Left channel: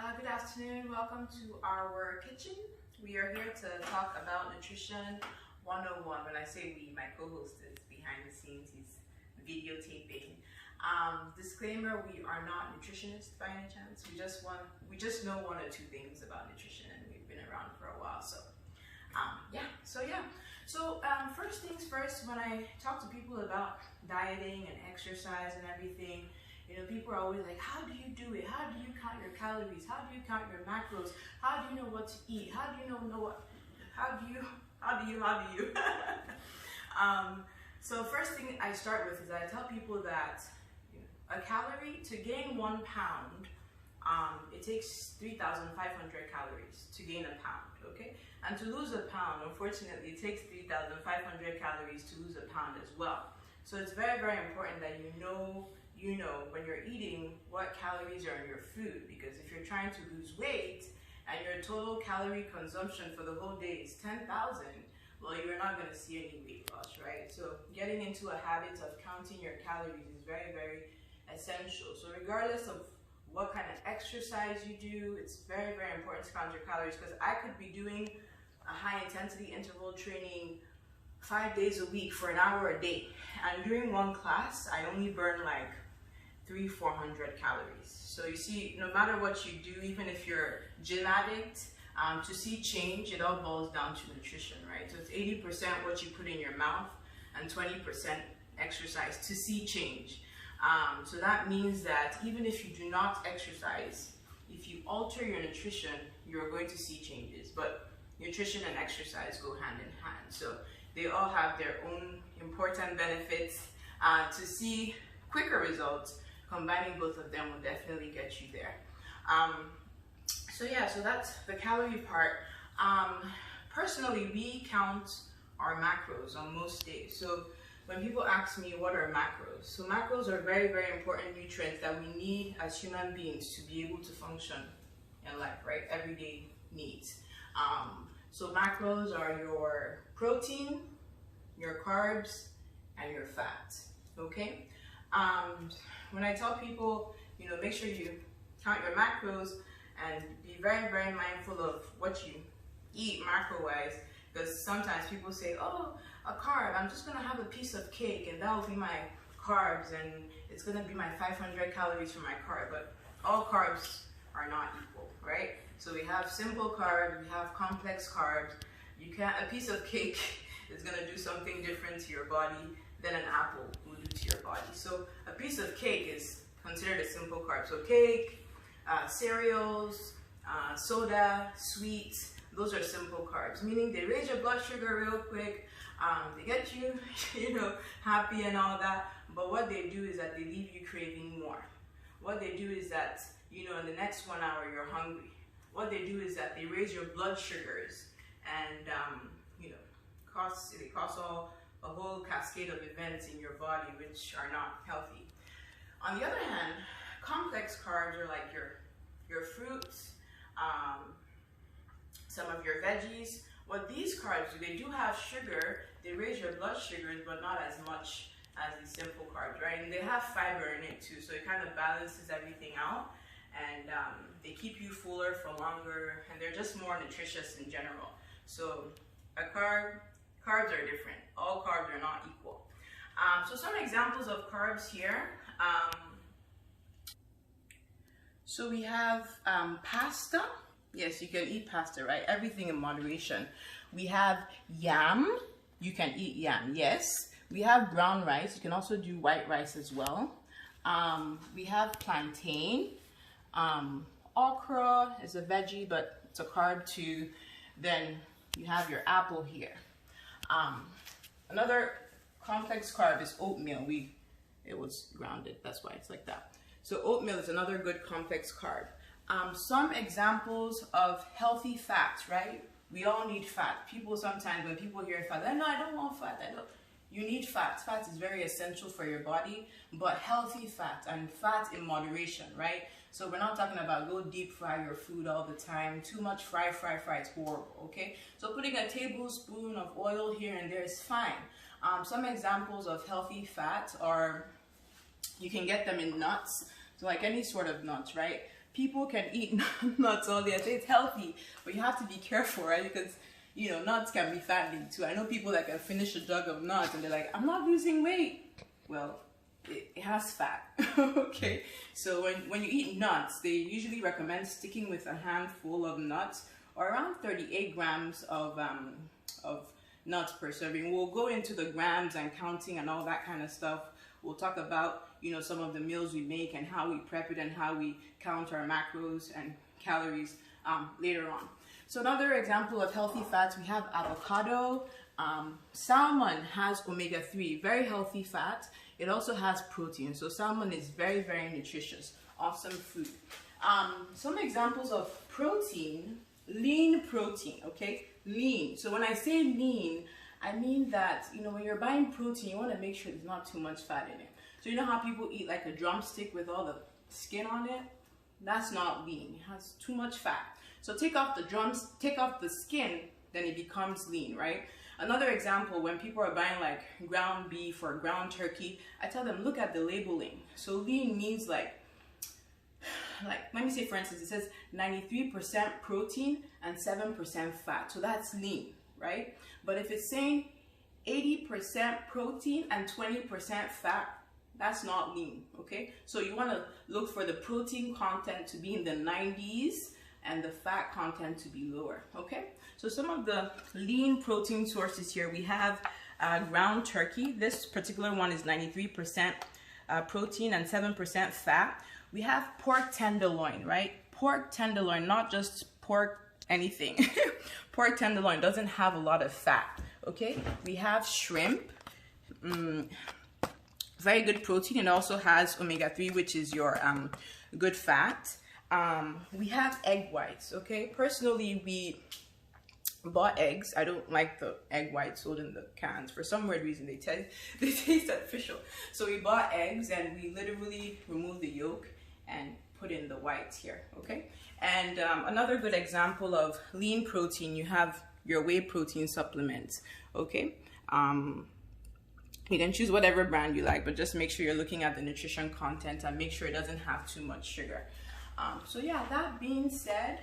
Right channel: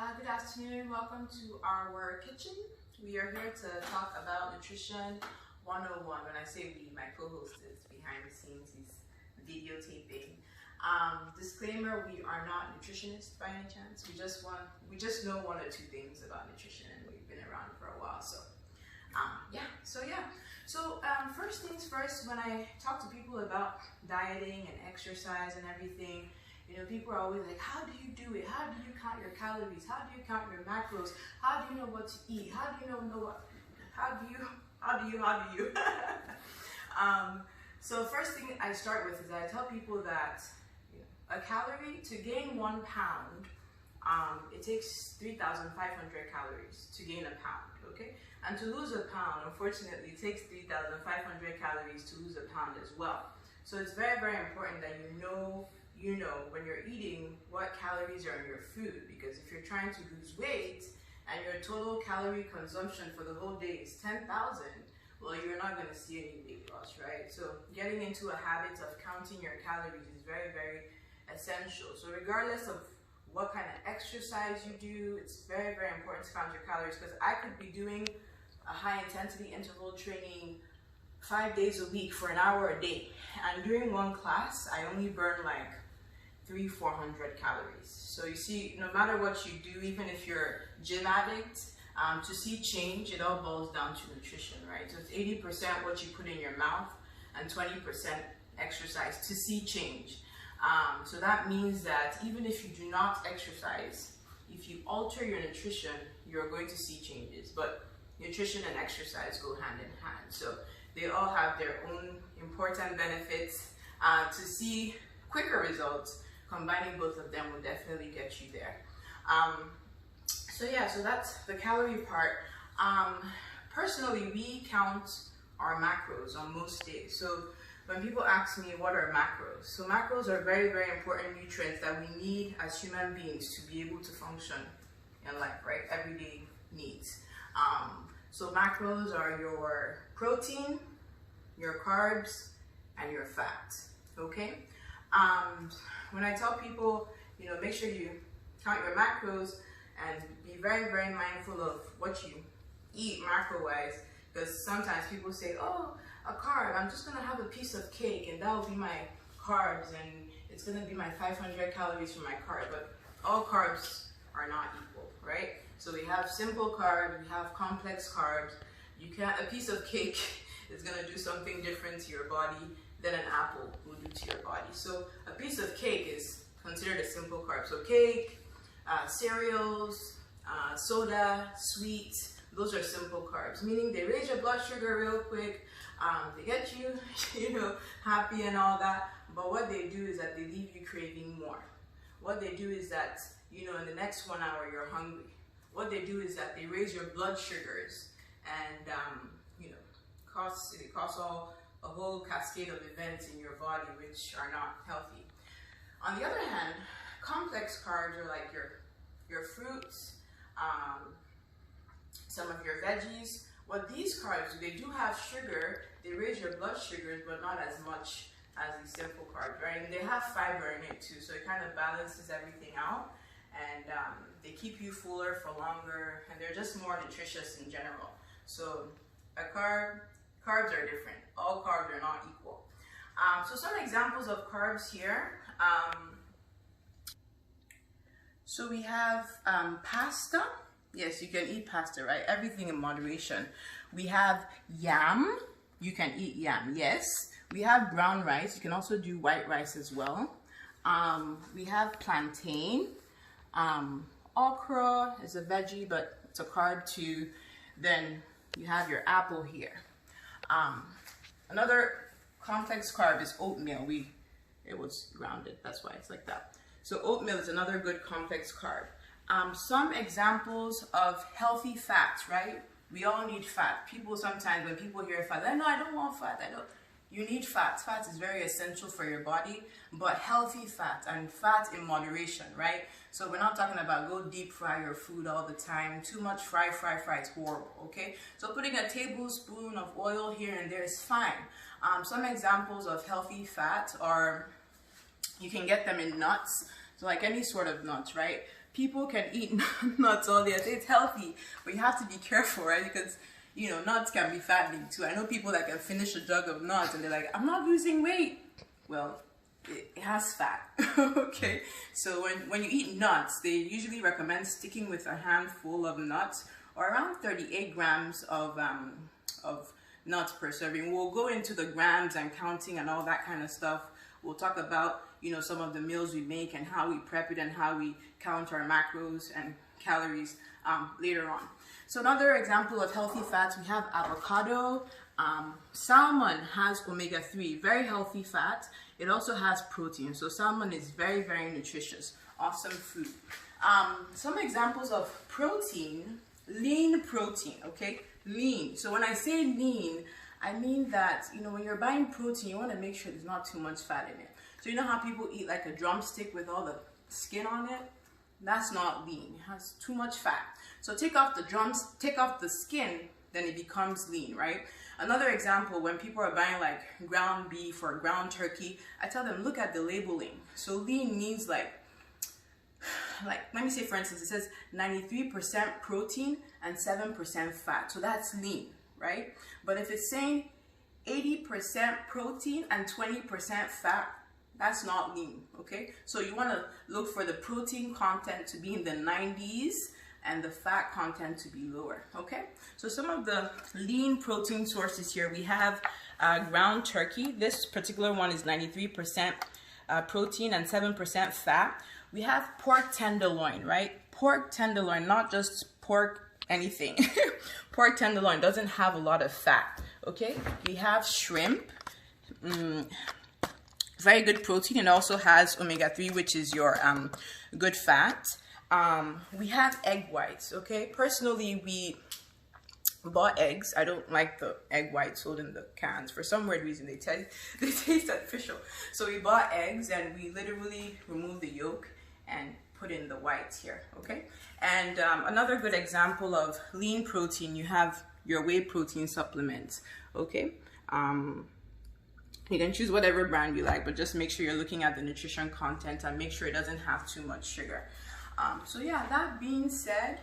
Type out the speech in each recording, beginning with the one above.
Good afternoon. Welcome to our kitchen. We are here to talk about nutrition 101. When I say we, my co-host is behind the scenes. He's videotaping. Disclaimer: we are not nutritionists by any chance. We just know one or two things about nutrition, and we've been around for a while. So first things first. When I talk to people about dieting and exercise and everything, people are always like, how do you do it? How do you count your calories? How do you count your macros? How do you know what to eat? How do you know what? How do you? So first thing I start with is I tell people that a calorie, to gain 1 pound, it takes 3,500 calories to gain a pound, okay? And to lose a pound, unfortunately, it takes 3,500 calories to lose a pound as well. So it's very, very important that you know when you're eating what calories are in your food, because if you're trying to lose weight and your total calorie consumption for the whole day is 10,000, well, you're not going to see any weight loss, right? So getting into a habit of counting your calories is very, very essential. So regardless of what kind of exercise you do, it's very, very important to count your calories, because I could be doing a high intensity interval training 5 days a week for an hour a day, and during one class I only burn like 300-400 calories. So you see, no matter what you do, even if you're gym addict, to see change, it all boils down to nutrition, right? So it's 80% what you put in your mouth and 20% exercise to see change. So that means that even if you do not exercise, if you alter your nutrition, you're going to see changes. But nutrition and exercise go hand in hand. So they all have their own important benefits. To see quicker results, combining both of them will definitely get you there. So that's the calorie part. Personally, we count our macros on most days. So when people ask me what are macros, so macros are very, very important nutrients that we need as human beings to be able to function in life, right? Everyday needs. So macros are your protein, your carbs, and your fat, okay? When I tell people, make sure you count your macros and be very, very mindful of what you eat macro-wise, because sometimes people say, oh, a carb, I'm just gonna have a piece of cake and that will be my carbs, and it's gonna be my 500 calories for my carb. But all carbs are not equal, right? So we have simple carbs, we have complex carbs. A piece of cake is gonna do something different to your body than an apple will do to your body. So a piece of cake is considered a simple carb. So cake, cereals, soda, sweets, those are simple carbs, meaning they raise your blood sugar real quick, they get you, happy and all that. But what they do is that they leave you craving more. What they do is that, in the next 1 hour, you're hungry. What they do is that they raise your blood sugars and, they cause a whole cascade of events in your body which are not healthy. On the other hand, complex carbs are like your fruits, some of your veggies. What these carbs do, they do have sugar, they raise your blood sugars, but not as much as these simple carbs, right? And they have fiber in it too, so it kind of balances everything out, and they keep you fuller for longer, and they're just more nutritious in general. So carbs are different. All carbs are not equal. So some examples of carbs here. So we have pasta. Yes, you can eat pasta, right? Everything in moderation. We have yam. You can eat yam, yes. We have brown rice. You can also do white rice as well. We have plantain. Okra is a veggie, but it's a carb too. Then you have your apple here. Another complex carb is oatmeal. It was grounded, that's why it's like that. So oatmeal is another good complex carb. Some examples of healthy fats, right? We all need fat. People sometimes, when people hear fat, they're like, no, I don't want fat. You need fats. Fat is very essential for your body, but healthy fat, and fat in moderation, right? So we're not talking about go deep fry your food all the time. Too much fry is horrible, okay? So putting a tablespoon of oil here and there is fine. Some examples of healthy fat are, you can get them in nuts, so like any sort of nuts, right? people can eat nuts all day. I say it's healthy, but you have to be careful, right? Because you know, nuts can be fattening too. I know people that can finish a jug of nuts and they're like, I'm not losing weight. Well, it has fat. Okay, so when you eat nuts, they usually recommend sticking with a handful of nuts, or around 38 grams of nuts per serving. We'll go into the grams and counting and all that kind of stuff. We'll talk about, you know, some of the meals we make and how we prep it and how we count our macros and calories later on. So another example of healthy fats, we have avocado. Salmon has omega-3, very healthy fat. It also has protein. So salmon is very, very nutritious. Awesome food. Some examples of protein, lean protein, okay? Lean. So when I say lean, I mean that, you know, when you're buying protein, you want to make sure there's not too much fat in it. So you know how people eat like a drumstick with all the skin on it? That's not lean. It has too much fat. So take off the skin, then it becomes lean, right? Another example, when people are buying like ground beef or ground turkey, I tell them, look at the labeling. So lean means like let me say, for instance, it says 93% protein and 7% fat. So that's lean, right? But if it's saying 80% protein and 20% fat, that's not lean, okay? So you want to look for the protein content to be in the 90s and the fat content to be lower, okay? So some of the lean protein sources here, we have ground turkey. This particular one is 93% protein and 7% fat. We have pork tenderloin, right? Pork tenderloin, not just pork anything. Pork tenderloin doesn't have a lot of fat, okay? We have shrimp, very good protein, and also has omega-3, which is your good fat. We have egg whites, okay? Personally, we bought eggs. I don't like the egg whites sold in the cans. For some weird reason, they taste artificial. So we bought eggs and we literally remove the yolk and put in the whites here, okay? And another good example of lean protein, you have your whey protein supplements, okay? You can choose whatever brand you like, but just make sure you're looking at the nutrition content and make sure it doesn't have too much sugar. So yeah, that being said,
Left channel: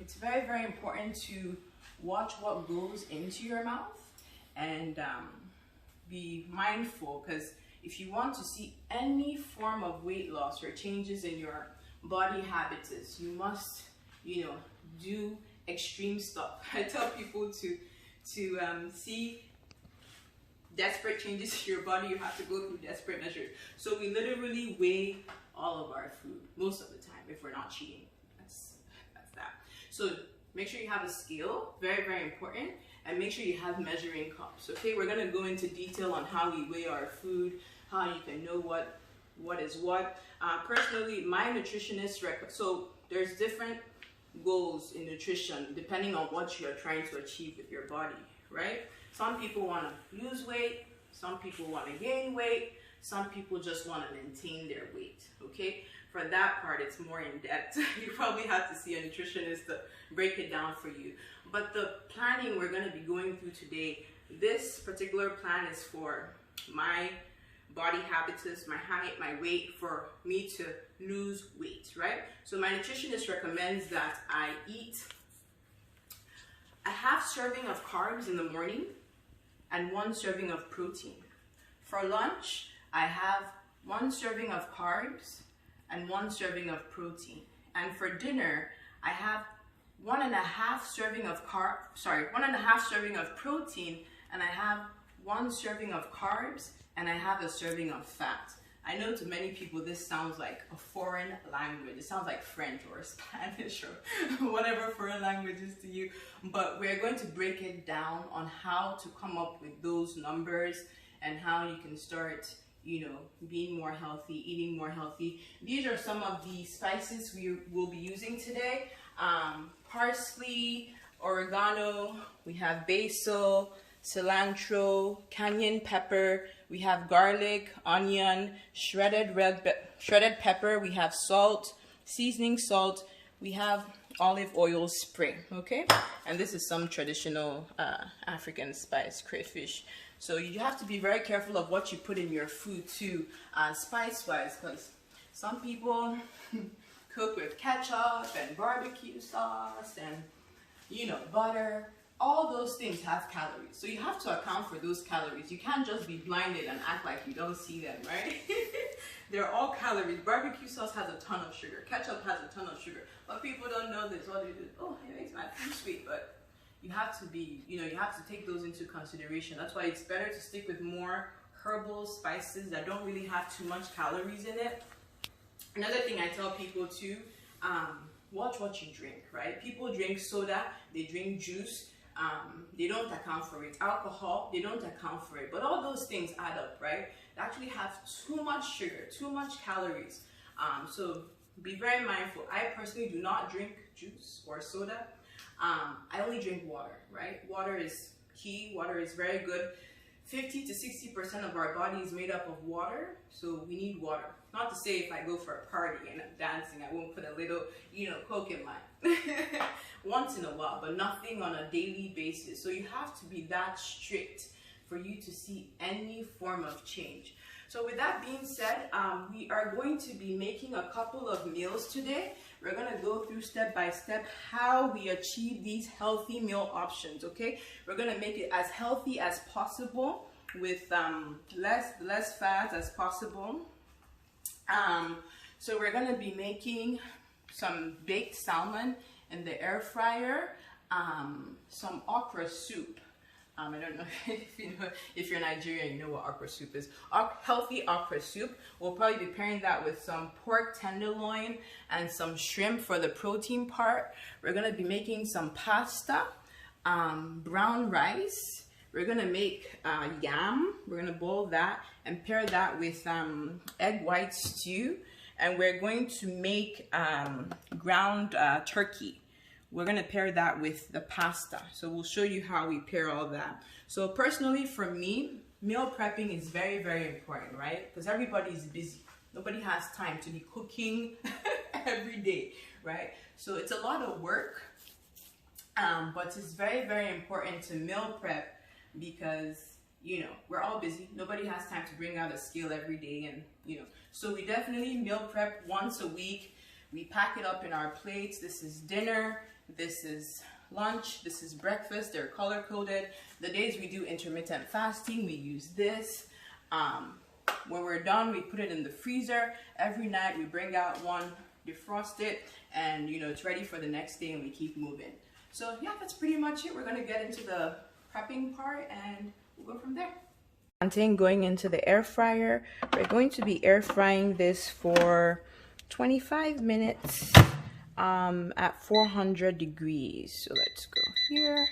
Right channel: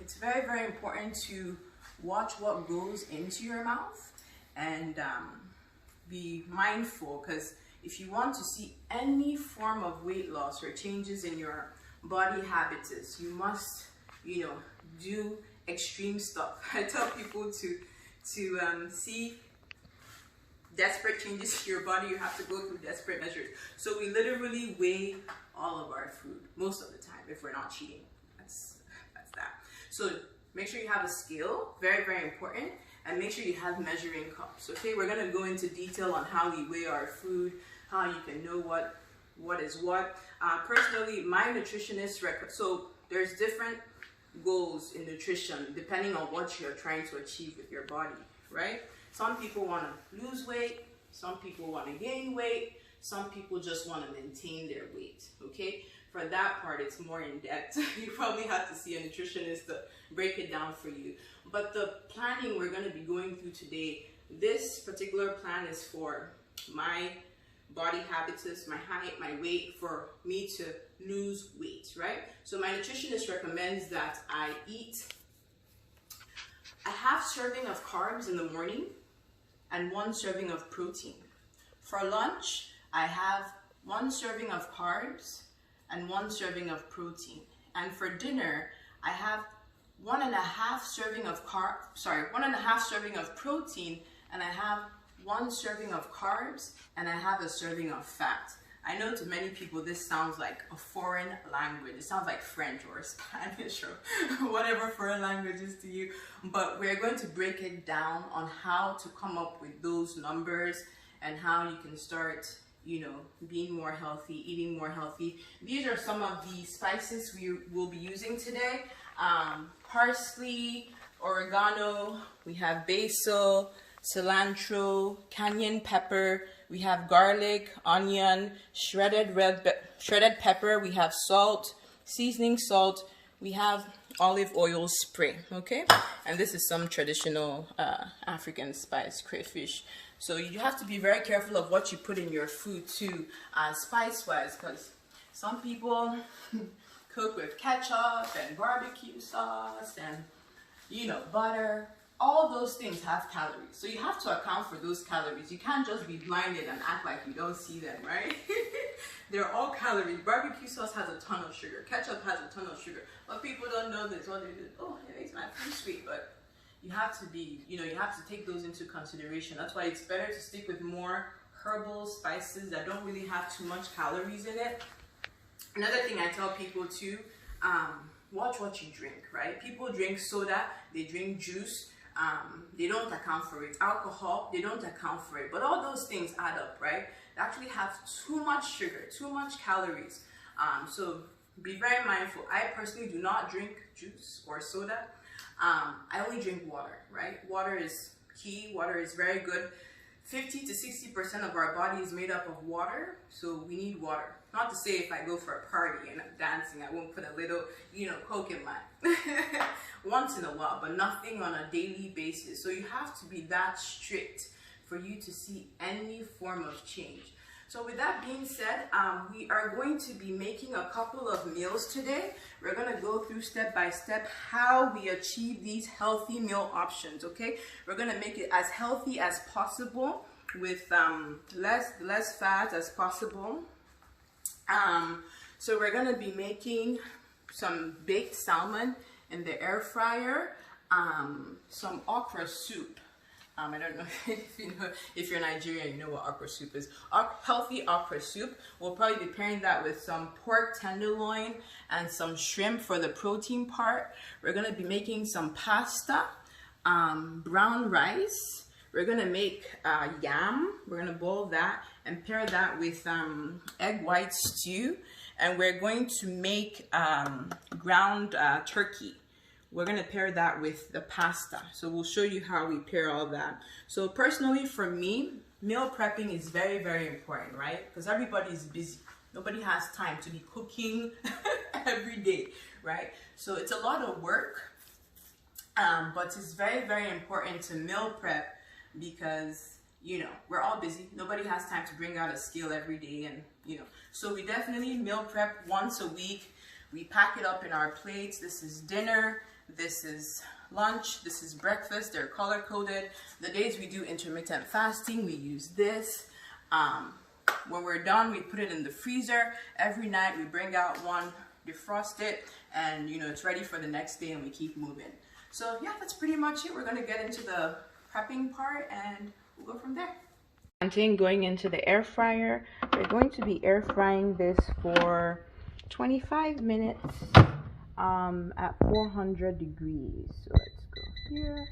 it's very, very important to watch what goes into your mouth and be mindful, because if you want to see any form of weight loss or changes in your body habits, you must, you know, do extreme stuff. I tell people to see desperate changes to your body, you have to go through desperate measures. So we literally weigh all of our food most of the time if we're not cheating. That's that. So make sure you have a scale, very, very important, and make sure you have measuring cups. Okay, we're gonna go into detail on how we weigh our food, how you can know what is what. Personally, my nutritionist so there's different goals in nutrition depending on what you're trying to achieve with your body, right? Some people want to lose weight, some people want to gain weight, some people just want to maintain their weight, okay? For that part, it's more in depth. You probably have to see a nutritionist to break it down for you. But the planning we're going to be going through today, this particular plan is for my body habitus, my height, my weight, for me to lose weight, right? So my nutritionist recommends that I eat a half serving of carbs in the morning and 1 serving of protein. For lunch, I have 1 serving of carbs and 1 serving of protein. And for dinner, I have 1.5 serving of 1.5 serving of protein, and I have 1 serving of carbs, and I have a serving of fat. I know to many people this sounds like a foreign language. It sounds like French or Spanish or whatever foreign language is to you. But we're going to break it down on how to come up with those numbers and how you can start, you know, being more healthy, eating more healthy. These are some of the spices we will be using today. Parsley, oregano, we have basil, cilantro, cayenne pepper, we have garlic, onion, shredded pepper, we have salt, seasoning salt, we have olive oil spray, okay? And this is some traditional African spice, crayfish. So you have to be very careful of what you put in your food too, spice-wise, because some people cook with ketchup and barbecue sauce and, you know, butter. All those things have calories. So you have to account for those calories. You can't just be blinded and act like you don't see them, right? They're all calories. Barbecue sauce has a ton of sugar. Ketchup has a ton of sugar. But people don't know this. What they do, oh, it makes my food sweet. But you have to be, you know, you have to take those into consideration. That's why it's better to stick with more herbal spices that don't really have too much calories in it. Another thing I tell people too, watch what you drink, right? People drink soda, they drink juice. They don't account for it. Alcohol, they don't account for it. But all those things add up, right? They actually have too much sugar, too much calories. So be very mindful. I personally do not drink juice or soda. I only drink water, right? Water is key. Water is very good. 50 to 60% of our body is made up of water, so we need water. Not to say if I go for a party and I'm dancing, I won't put a little, you know, Coke in mine. Once in a while, but nothing on a daily basis. So you have to be that strict for you to see any form of change. So with that being said, we are going to be making a couple of meals today. We're going to go through step by step how we achieve these healthy meal options, okay? We're going to make it as healthy as possible with less fat as possible. So we're going to be making some baked salmon in the air fryer, some okra soup. I don't know if you're Nigerian, you know what okra soup is. Healthy okra soup. We'll probably be pairing that with some pork tenderloin and some shrimp for the protein part. We're gonna be making some pasta, brown rice. We're gonna make yam. We're gonna boil that and pair that with egg white stew. And we're going to make ground turkey. We're going to pair that with the pasta. So we'll show you how we pair all that. So personally for me, meal prepping is very, very important, right? Because everybody's busy. Nobody has time to be cooking every day, right? So it's a lot of work, but it's very, very important to meal prep because, you know, we're all busy. Nobody has time to bring out a scale every day and, you know. So we definitely meal prep once a week. We pack it up in our plates. This is dinner. This is lunch, this is breakfast. They're color coded. The days we do intermittent fasting, we use this. When we're done, we put it in the freezer. Every night we bring out one, defrost it, and you know it's ready for the next day and we keep moving. So yeah, that's pretty much it. We're gonna get into the prepping part and we'll go from there. Plantain going into the air fryer. We're going to be air frying this for 25 minutes. At 400 degrees. So let's go here,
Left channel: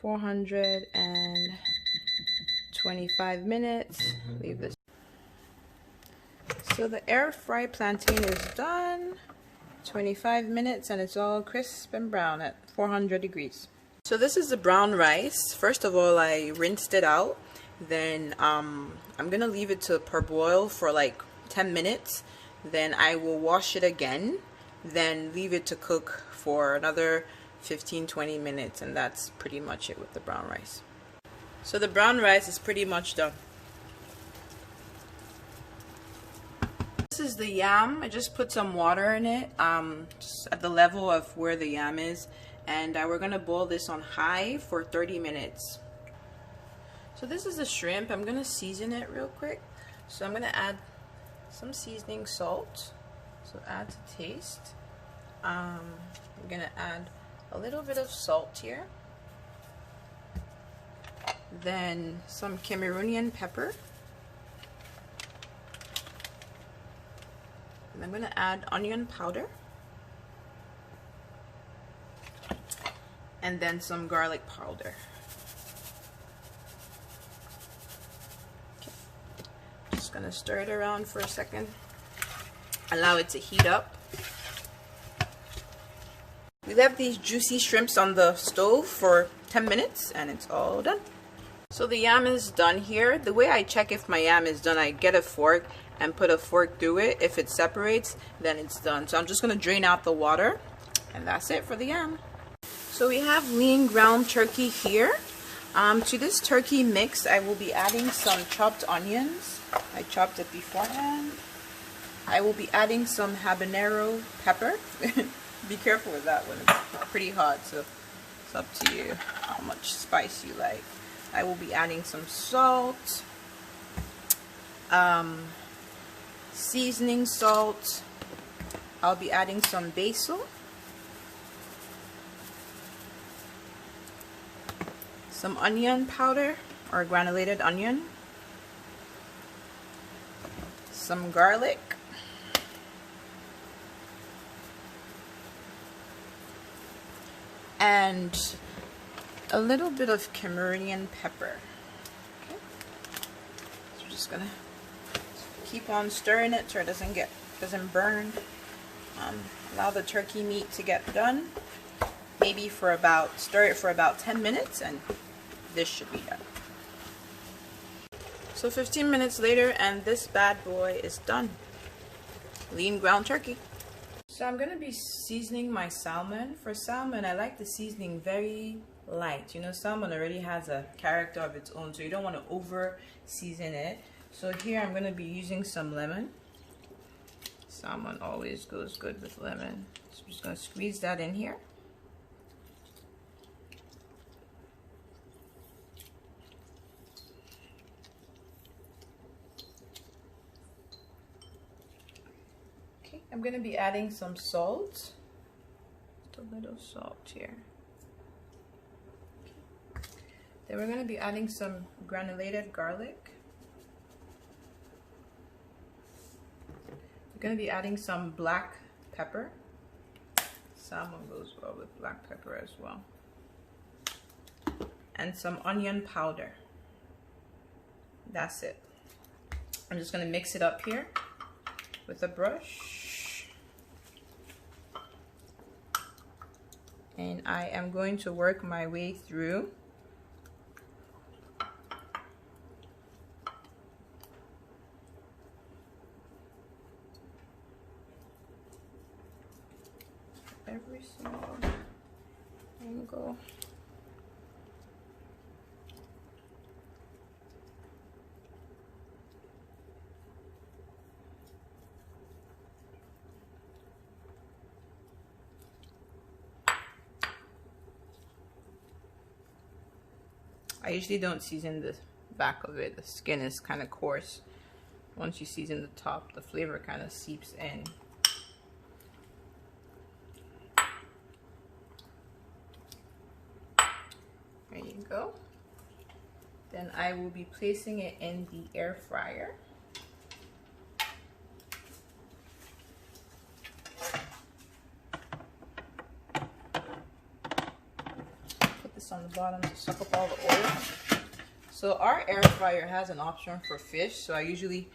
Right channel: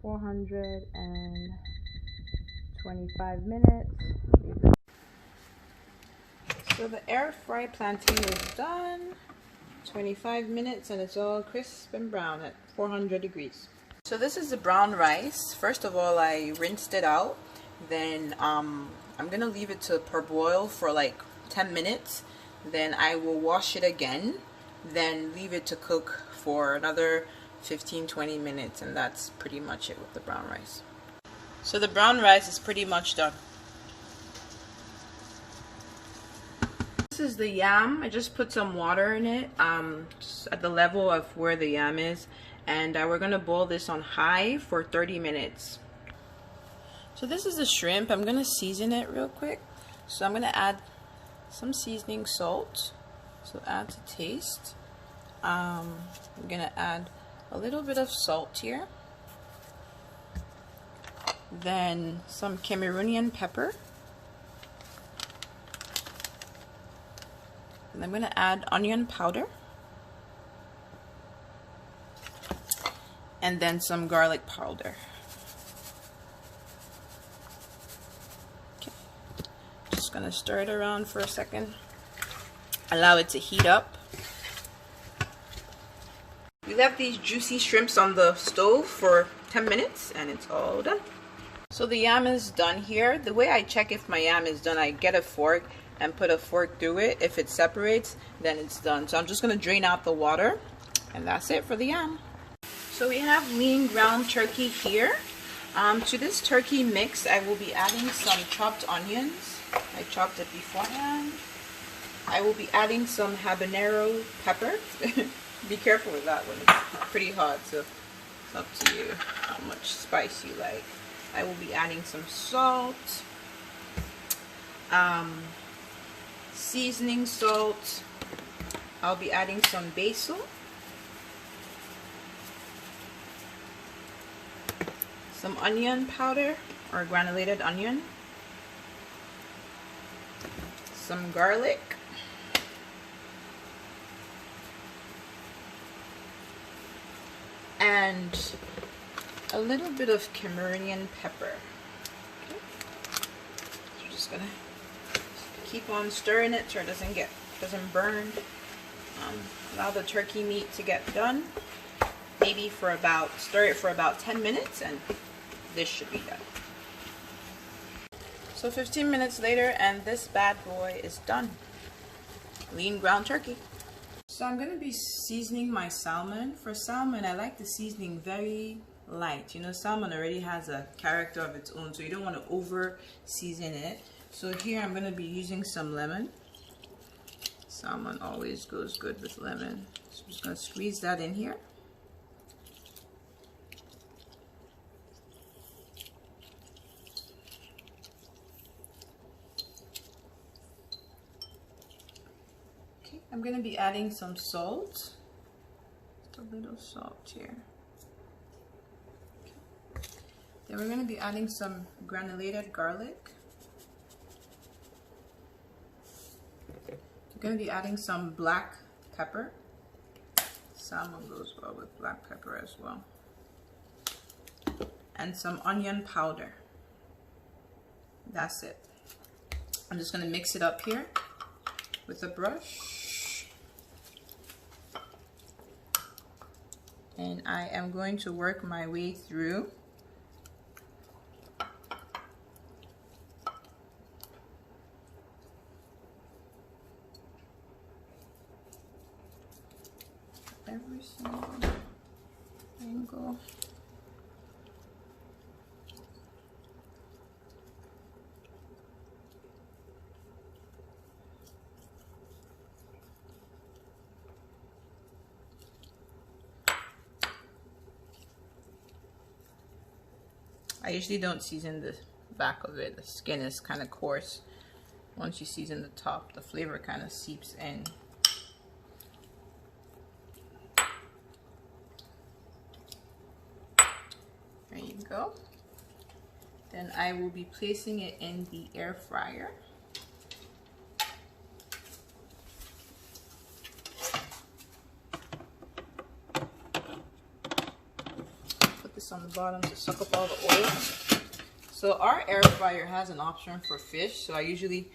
425 minutes. Leave this. So the air fry plantain is done. 25 minutes and it's all crisp and brown at 400 degrees. So this is the brown rice. First of all, I rinsed it out. Then I'm gonna leave it to parboil for like 10 minutes. Then I will wash it again. Then leave it to cook for another 15-20 minutes, and that's pretty much it with the brown rice. So the brown rice is pretty much done. This is the yam. I just put some water in it, just at the level of where the yam is, and we're gonna boil this on high for 30 minutes. So this is the shrimp. I'm gonna season it real quick. So I'm gonna add some seasoning salt. So add to taste. I'm gonna add a little bit of salt here. Then some Cameroonian pepper. And I'm gonna add onion powder. And then some garlic powder. Okay. Just gonna stir it around for a second. Allow it to heat up. We left these juicy shrimps on the stove for 10 minutes and it's all done. So the yam is done here. The way I check if my yam is done, I get a fork and put a fork through it. If it separates, then it's done. So I'm just gonna drain out the water and that's it for the yam. So we have lean ground turkey here. To this turkey mix, I will be adding some chopped onions. I chopped it beforehand. I will be adding some habanero pepper. Be careful with that one, it's pretty hot, so it's up to you how much spice you like. I will be adding some salt, seasoning salt. I'll be adding some basil, some onion powder or granulated onion, some garlic, and a little bit of Cameroonian pepper. Okay. So we're just gonna keep on stirring it so it doesn't burn. Allow the turkey meat to get done. Maybe stir it for about 10 minutes and this should be done. So 15 minutes later and this bad boy is done. Lean ground turkey. So I'm going to be seasoning my salmon. For salmon, I like the seasoning very light. You know, salmon already has a character of its own, so you don't want to over season it. So here I'm going to be using some lemon. Salmon always goes good with lemon. So I'm just going to squeeze that in here. Okay, I'm going to be adding some salt. Just a little salt here. Okay. Then we're going to be adding some granulated garlic. We're going to be adding some black pepper. Salmon goes well with black pepper as well. And some onion powder. That's it. I'm just going to mix it up here with a brush. And I am going to work my way through. Every single angle. I usually don't season the back of it. The skin is kind of coarse. Once you season the top, the flavor kind of seeps in. There you go. Then I will be placing it in the air fryer. Put this on the bottom to suck up all the oil. So our air fryer has an option for fish. So I usually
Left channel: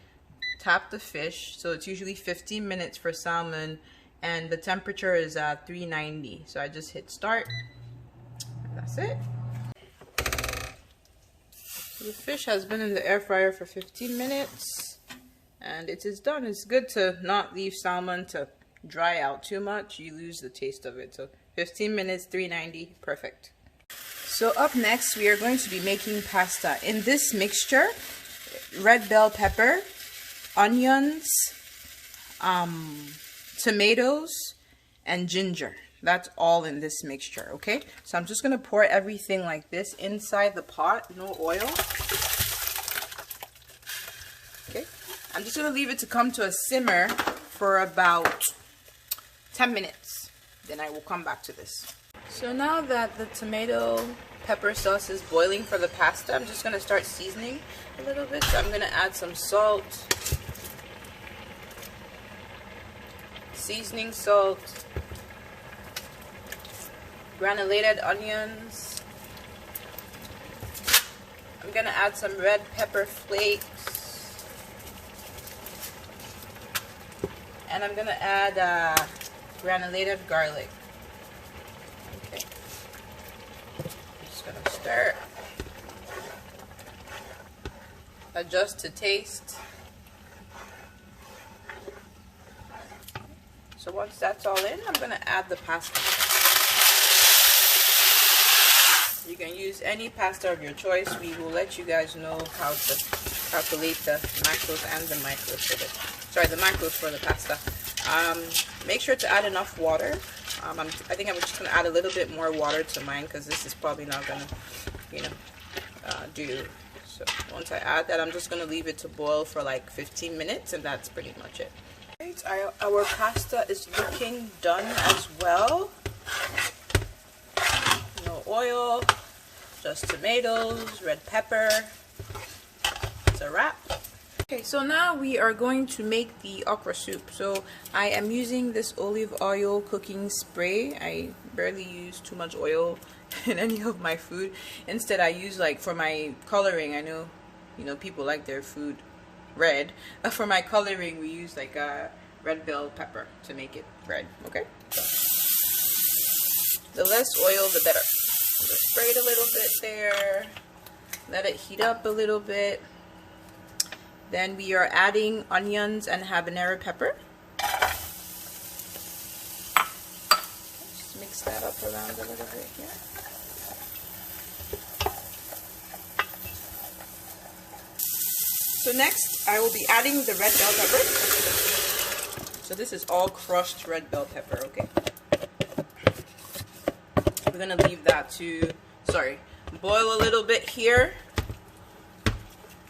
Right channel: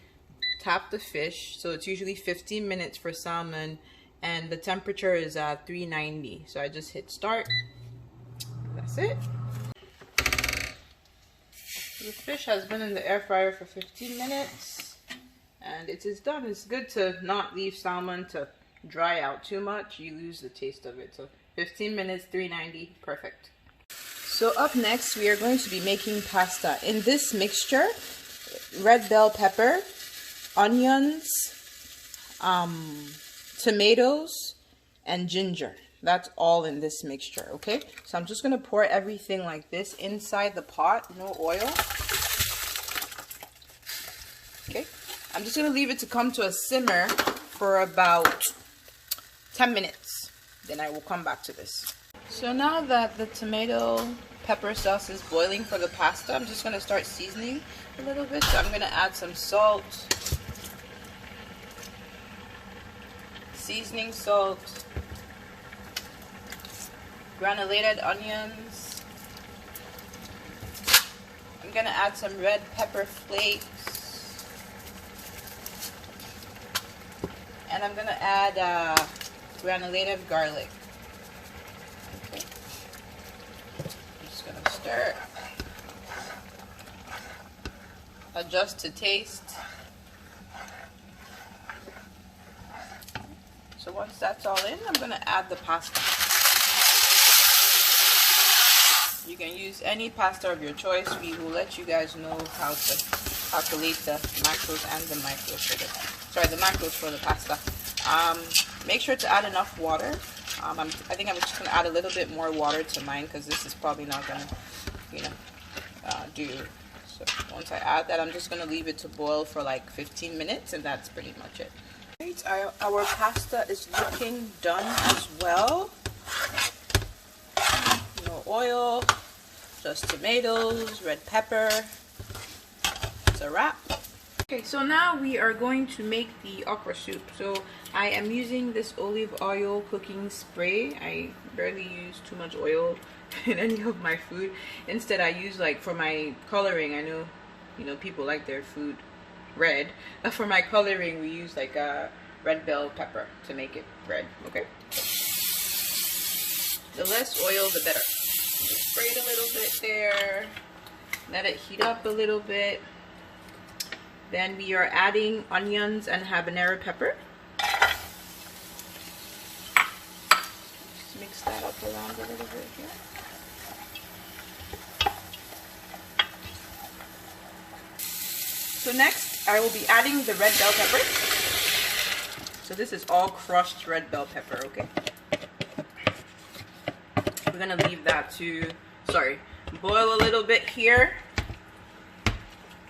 tap the fish. So it's usually 15 minutes for salmon and the temperature is at 390. So I just hit start. That's it. The fish has been in the air fryer for 15 minutes and it is done. It's good to not leave salmon to dry out too much. You lose the taste of it. So 15 minutes, 390, perfect. So up next, we are going to be making pasta. In this mixture, red bell pepper, onions, tomatoes, and ginger. That's all in this mixture, okay? So I'm just gonna pour everything like this inside the pot, no oil. Okay, I'm just gonna leave it to come to a simmer for about 10 minutes. Then I will come back to this. So now that the tomato pepper sauce is boiling for the pasta, I'm just gonna start seasoning a little bit. So I'm gonna add some salt, seasoning salt, granulated onions. I'm gonna add some red pepper flakes. And I'm gonna add granulated garlic. Okay. I'm just gonna stir. Adjust to taste. So once that's all in, I'm gonna add the pasta. You can use any pasta of your choice. We will let you guys know how to calculate the macros and the micros for it. sorry, the macros for the pasta. Make sure to add enough water. I think I'm just gonna add a little bit more water to mine because this is probably not gonna, you know, do. So once I add that, I'm just gonna leave it to boil for like 15 minutes, and that's pretty much it. Right, our pasta is looking done as well. No oil, just tomatoes, red pepper. It's a wrap. Okay, so now we are going to make the okra soup. So I am using this olive oil cooking spray. I barely use too much oil in any of my food. Instead, I use, like, for my coloring, I know, you know, people like their food red. For my coloring, we use like a red bell pepper to make it red. Okay, the less oil the better. Just spray it a little bit there, let it heat up a little bit. Then we are adding onions and habanero pepper. Just mix that up around a little bit here. So next, I will be adding the red bell pepper. So this is all crushed red bell pepper, okay? We're gonna leave that to, boil a little bit here.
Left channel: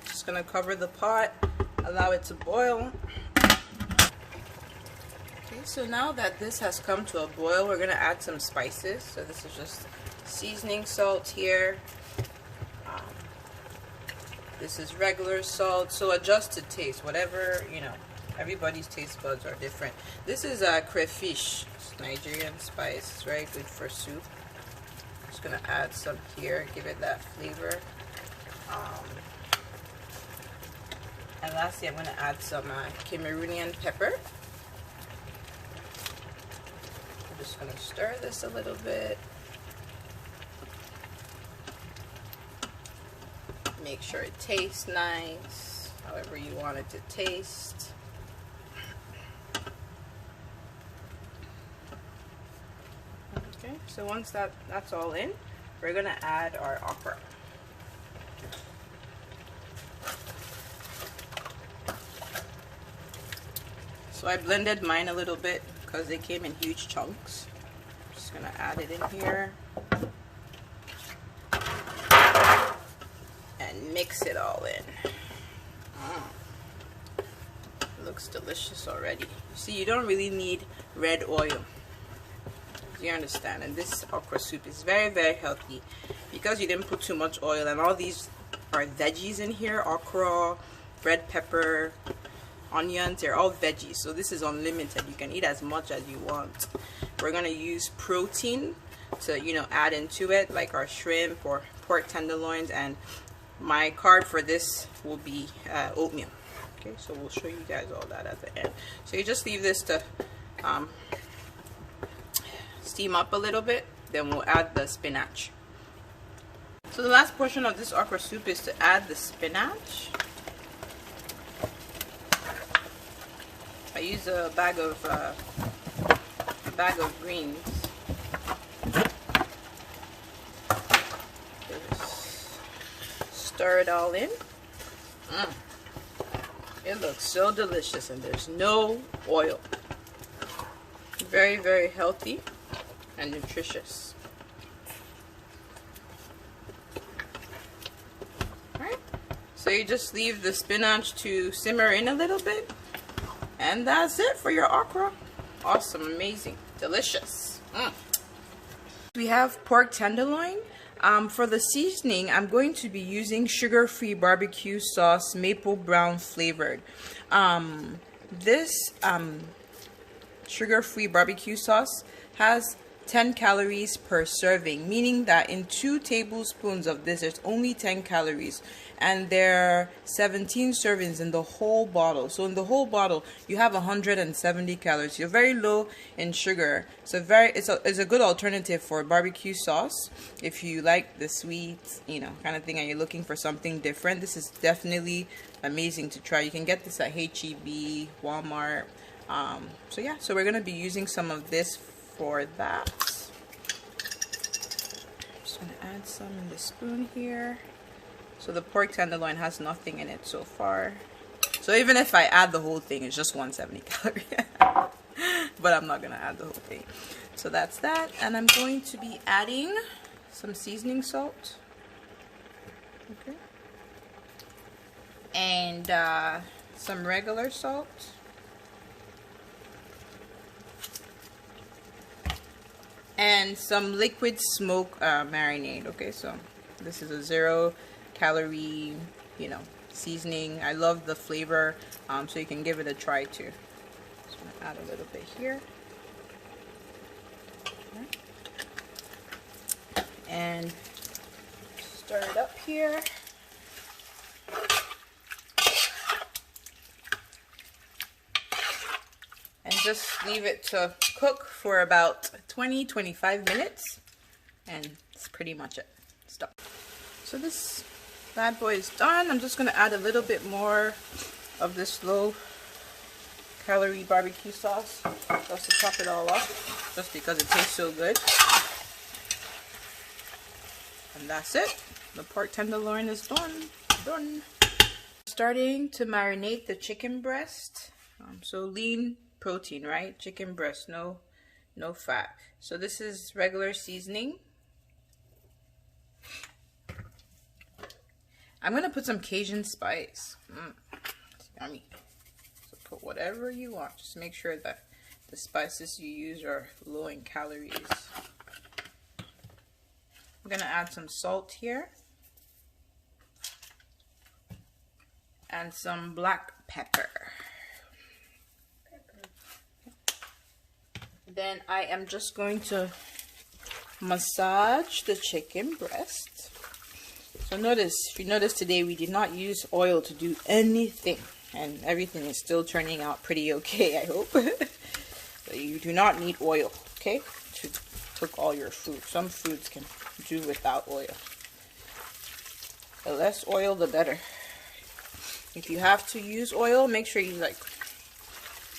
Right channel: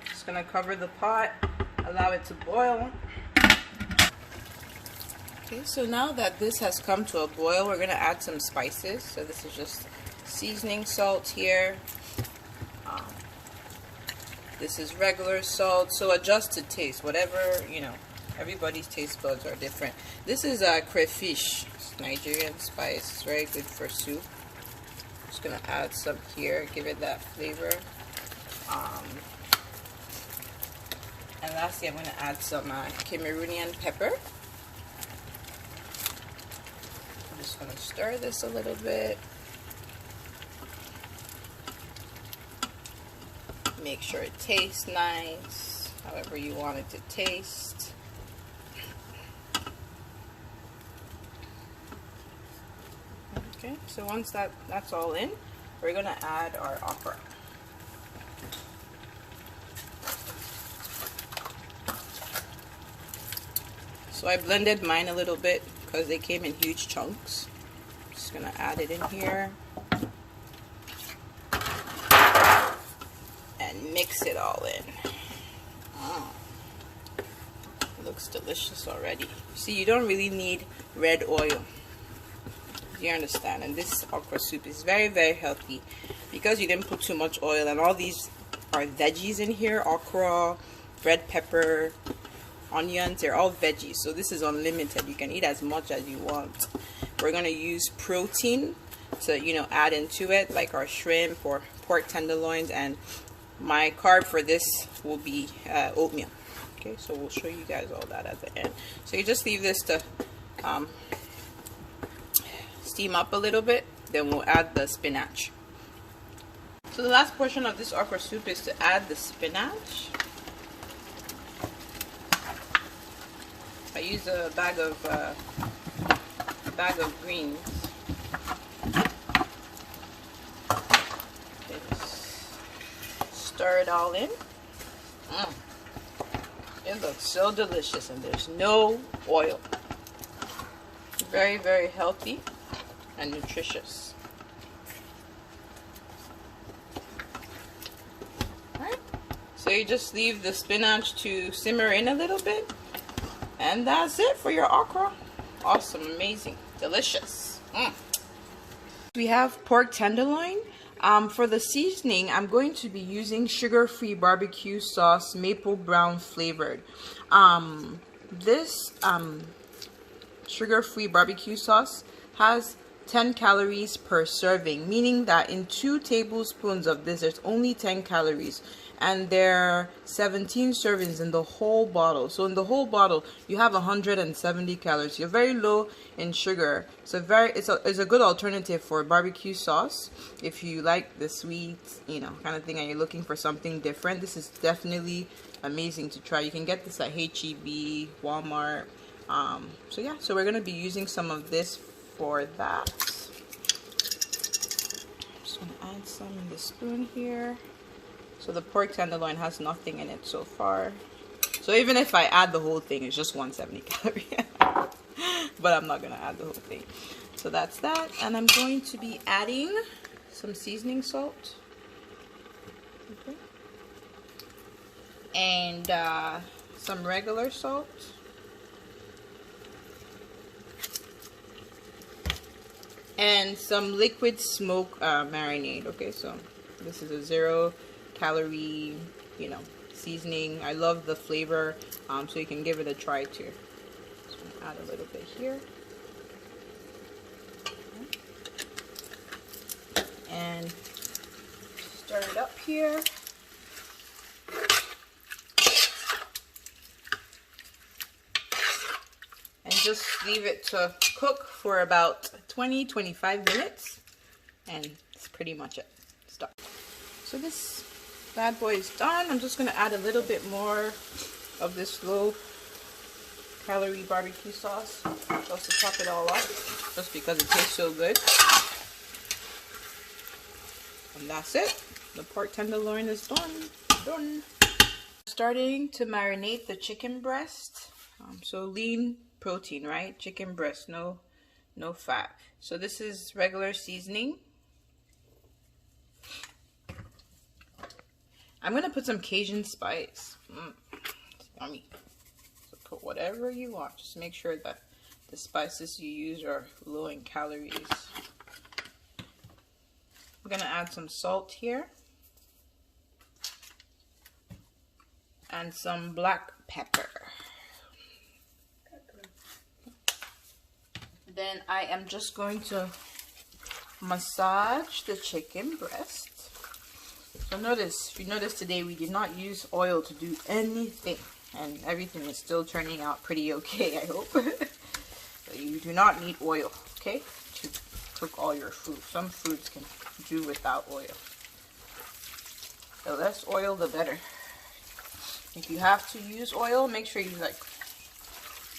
Just gonna cover the pot, allow it to boil. Okay, so now that this has come to a boil, we're gonna add some spices. So this is just seasoning salt here. This is regular salt, so adjust to taste, whatever, you know, everybody's taste buds are different. This is crayfish, it's Nigerian spice, very good for soup. Just gonna add some here, give it that flavor. And lastly, I'm gonna add some Cameroonian pepper. I'm just gonna stir this a little bit. Make sure it tastes nice, however you want it to taste. Okay, so once that's all in, we're gonna add our okra. So I blended mine a little bit because they came in huge chunks. Just gonna add it in here. Mix it all in. It looks delicious already. You see, you don't really need red oil. You understand? And this okra soup is very, very healthy because you didn't put too much oil, and all these are veggies in here. Okra, red pepper, onions, they're all veggies. So this is unlimited. You can eat as much as you want. We're gonna use protein to, you know, add into it, like our shrimp or pork tenderloins, and my carb for this will be oatmeal. Okay, so we'll show you guys all that at the end. So you just leave this to steam up a little bit, then we'll add the spinach. So the last portion of this okra soup is to add the spinach. I use a bag of greens. Stir it all in. It looks so delicious, and there's no oil. Very, very healthy and nutritious. Alright, so you just leave the spinach to simmer in a little bit, and that's it for your okra. Awesome, amazing, delicious. We have pork tenderloin. For the seasoning, I'm going to be using sugar-free barbecue sauce, maple brown flavored. This sugar-free barbecue sauce has 10 calories per serving, meaning that in 2 tablespoons of this, there's only 10 calories. And there are 17 servings in the whole bottle. So in the whole bottle, you have 170 calories. You're very low in sugar. So it's a good alternative for barbecue sauce. If you like the sweet, you know, kind of thing, and you're looking for something different, this is definitely amazing to try. You can get this at H-E-B, Walmart. So yeah, so we're gonna be using some of this for that. Just gonna add some in the spoon here. So the pork tenderloin has nothing in it so far. So even if I add the whole thing, it's just 170 calorie. But I'm not gonna add the whole thing. So that's that, and I'm going to be adding some seasoning salt. Okay. And some regular salt. And some liquid smoke marinade. Okay, so this is a 0 calorie, you know, seasoning. I love the flavor, so you can give it a try too. Just gonna add a little bit here. And stir it up here. And just leave it to cook for about 20-25 minutes. And that's pretty much it. Stop. So this bad boy is done. I'm just gonna add a little bit more of this low calorie barbecue sauce just to top it all off, just because it tastes so good. And that's it. The pork tenderloin is done. Starting to marinate the chicken breast. So lean protein, right? Chicken breast, no fat. So this is regular seasoning. I'm gonna put some Cajun spice. It's yummy. So put whatever you want. Just make sure that the spices you use are low in calories. I'm gonna add some salt here and some black pepper. Then I am just going to massage the chicken breast. So notice, if you notice today, we did not use oil to do anything, and everything is still turning out pretty okay, I hope. So you do not need oil, okay, to cook all your food. Some foods can do without oil. The less oil, the better. If you have to use oil, make sure you use like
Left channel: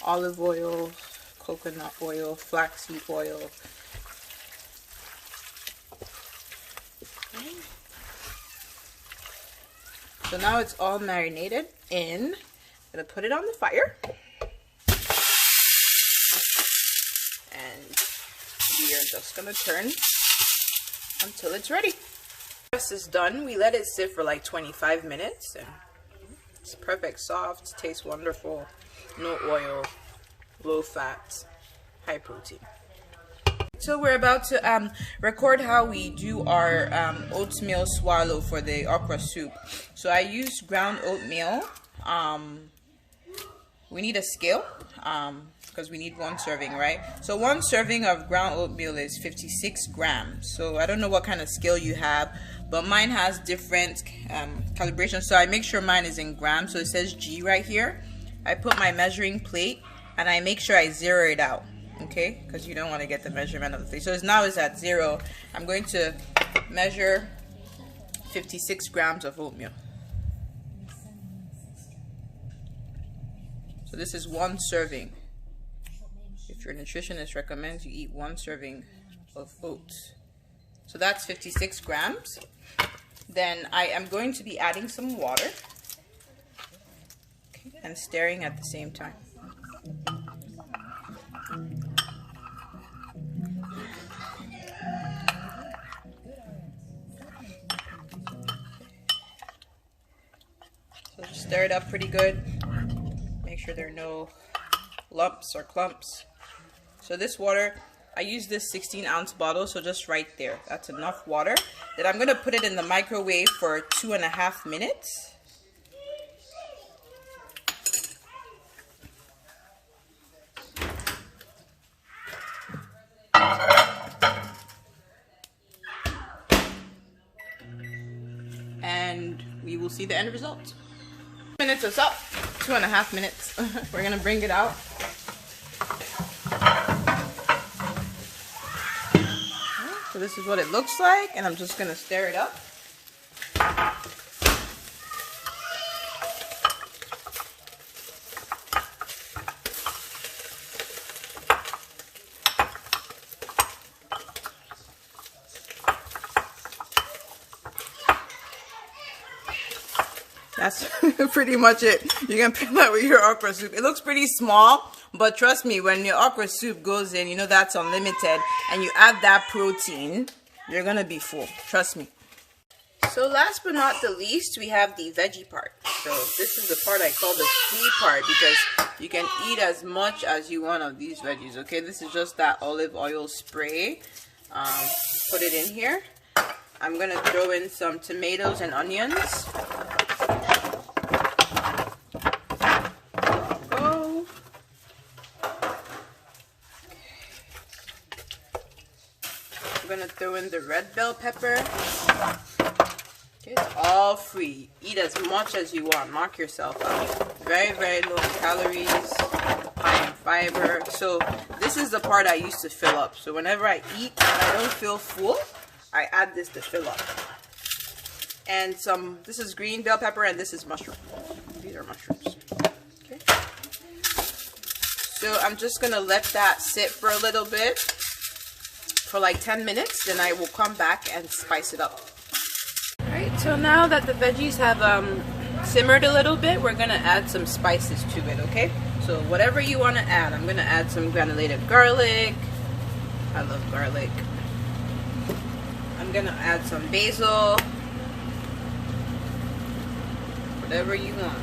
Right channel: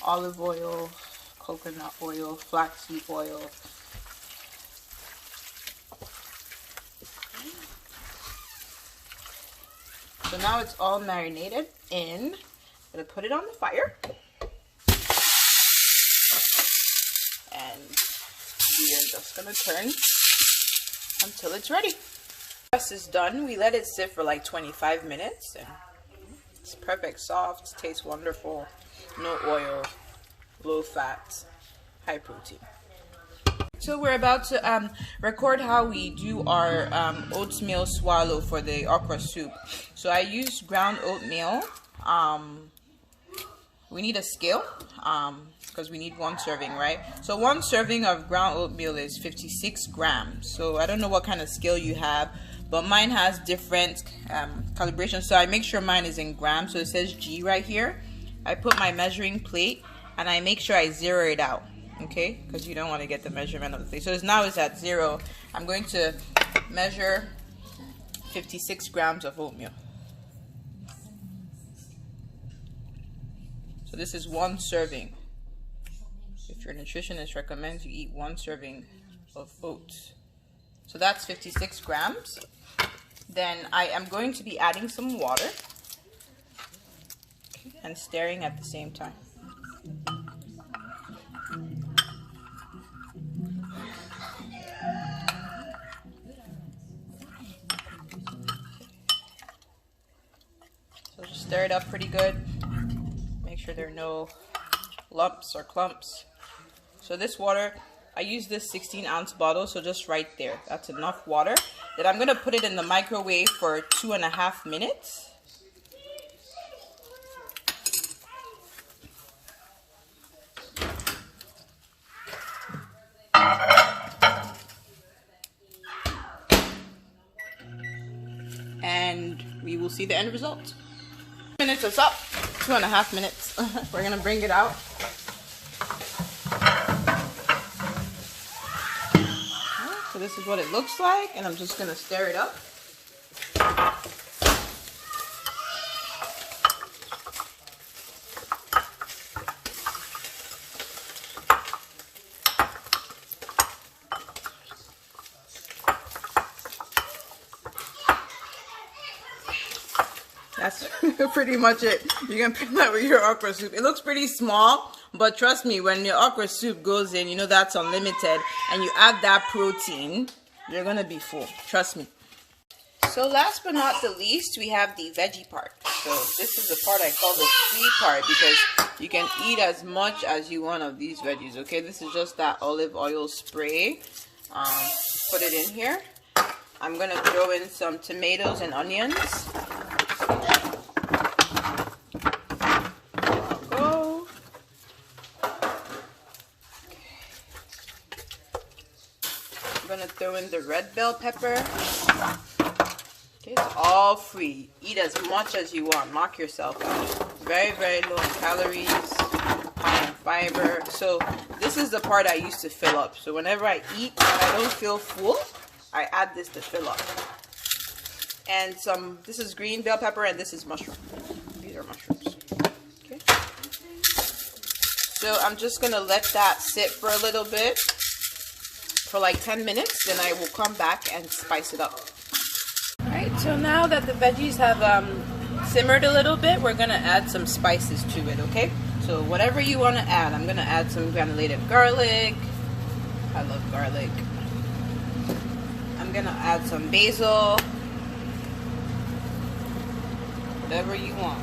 olive oil, coconut oil, flaxseed oil. Okay. So now it's all marinated in. I'm gonna put it on the fire. And we are just gonna turn until it's ready. This is done. We let it sit for like 25 minutes and it's perfect, soft, tastes wonderful, no oil, low fat, high protein. So we're about to record how we do our oatmeal swallow for the okra soup. So I use ground oatmeal. We need a scale because we need 1 serving, right? So 1 serving of ground oatmeal is 56 grams. So I don't know what kind of scale you have, but mine has different calibration. So I make sure mine is in grams. So it says G right here. I put my measuring plate and I make sure I zero it out, okay? Because you don't want to get the measurement of the thing. So now it's at 0. I'm going to measure 56 grams of oatmeal. So this is 1 serving. If your nutritionist recommends you eat 1 serving of oats. So that's 56 grams. Then I am going to be adding some water and stirring at the same time. So just stir it up pretty good. Make sure there are no lumps or clumps. So this water, I use this 16-ounce bottle, so just right there. That's enough water. Then I'm going to put it in the microwave for 2.5 minutes. And we will see the end result. Minutes is up. 2.5 minutes. We're going to bring it out. So this is what it looks like, and I'm just going to stir it up. That's pretty much it. You can pair that with your okra soup. It looks pretty small, but trust me, when your okra soup goes in, you know that's unlimited, and you add that protein, you're gonna be full. Trust me. So last but not the least, we have the veggie part. So this is the part I call the free part, because you can eat as much as you want of these veggies, okay? This is just that olive oil spray. Put it in here. I'm gonna throw in some tomatoes and onions. Go. I'm gonna throw in the red bell pepper. Okay, it's all free. Eat as much as you want. Knock yourself out. Very, very low in calories, high in fiber. So this is the part I used to fill up. So whenever I eat and I don't feel full, I add this to fill up. And this is green bell pepper, and this is mushroom. These are mushrooms. Okay. So I'm just gonna let that sit for a little bit, for like 10 minutes. Then I will come back and spice it up. Alright, so now that the veggies have simmered a little bit, we're gonna add some spices to it, okay? So whatever you want to add, I'm gonna add some granulated garlic. I love garlic. I'm gonna add some basil. Whatever you want.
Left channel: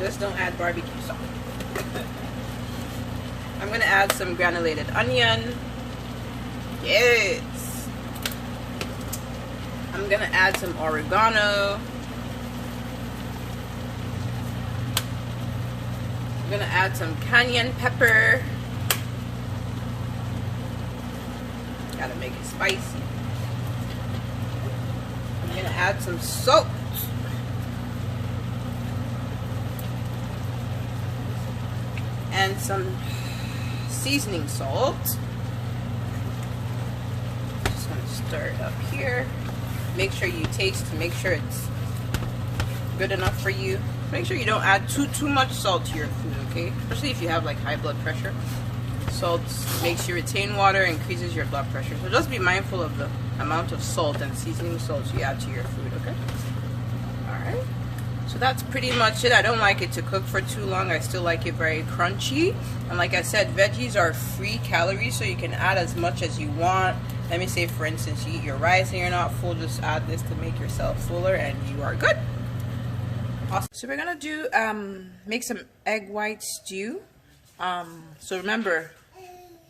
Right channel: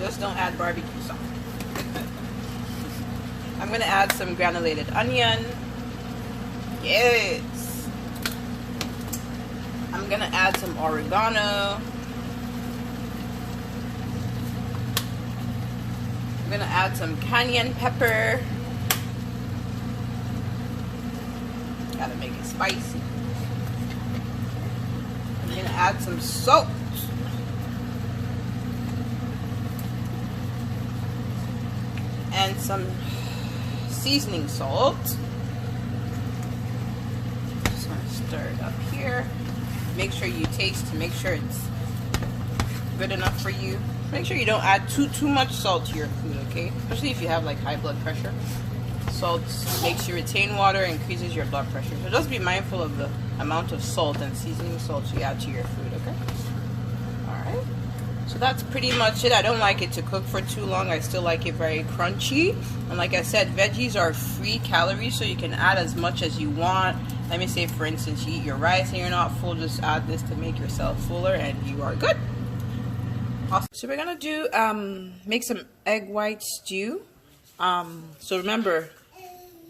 Just don't add barbecue sauce. I'm gonna add some granulated onion. Yes. I'm gonna add some oregano. I'm gonna add some cayenne pepper. Gotta make it spicy. I'm gonna add some salt. And some seasoning salt. Just gonna stir it up here. Make sure you taste to make sure it's good enough for you. Make sure you don't add too much salt to your food, okay? Especially if you have like high blood pressure. Salt makes you retain water, increases your blood pressure. So just be mindful of the amount of salt and seasoning salt you add to your food, okay? Alright. So that's pretty much it. I don't like it to cook for too long. I still like it very crunchy. And like I said, veggies are free calories, so you can add as much as you want. Let me say, for instance, you eat your rice and you're not full, just add this to make yourself fuller and you are good. Awesome. So we're gonna do make some egg white stew. So remember,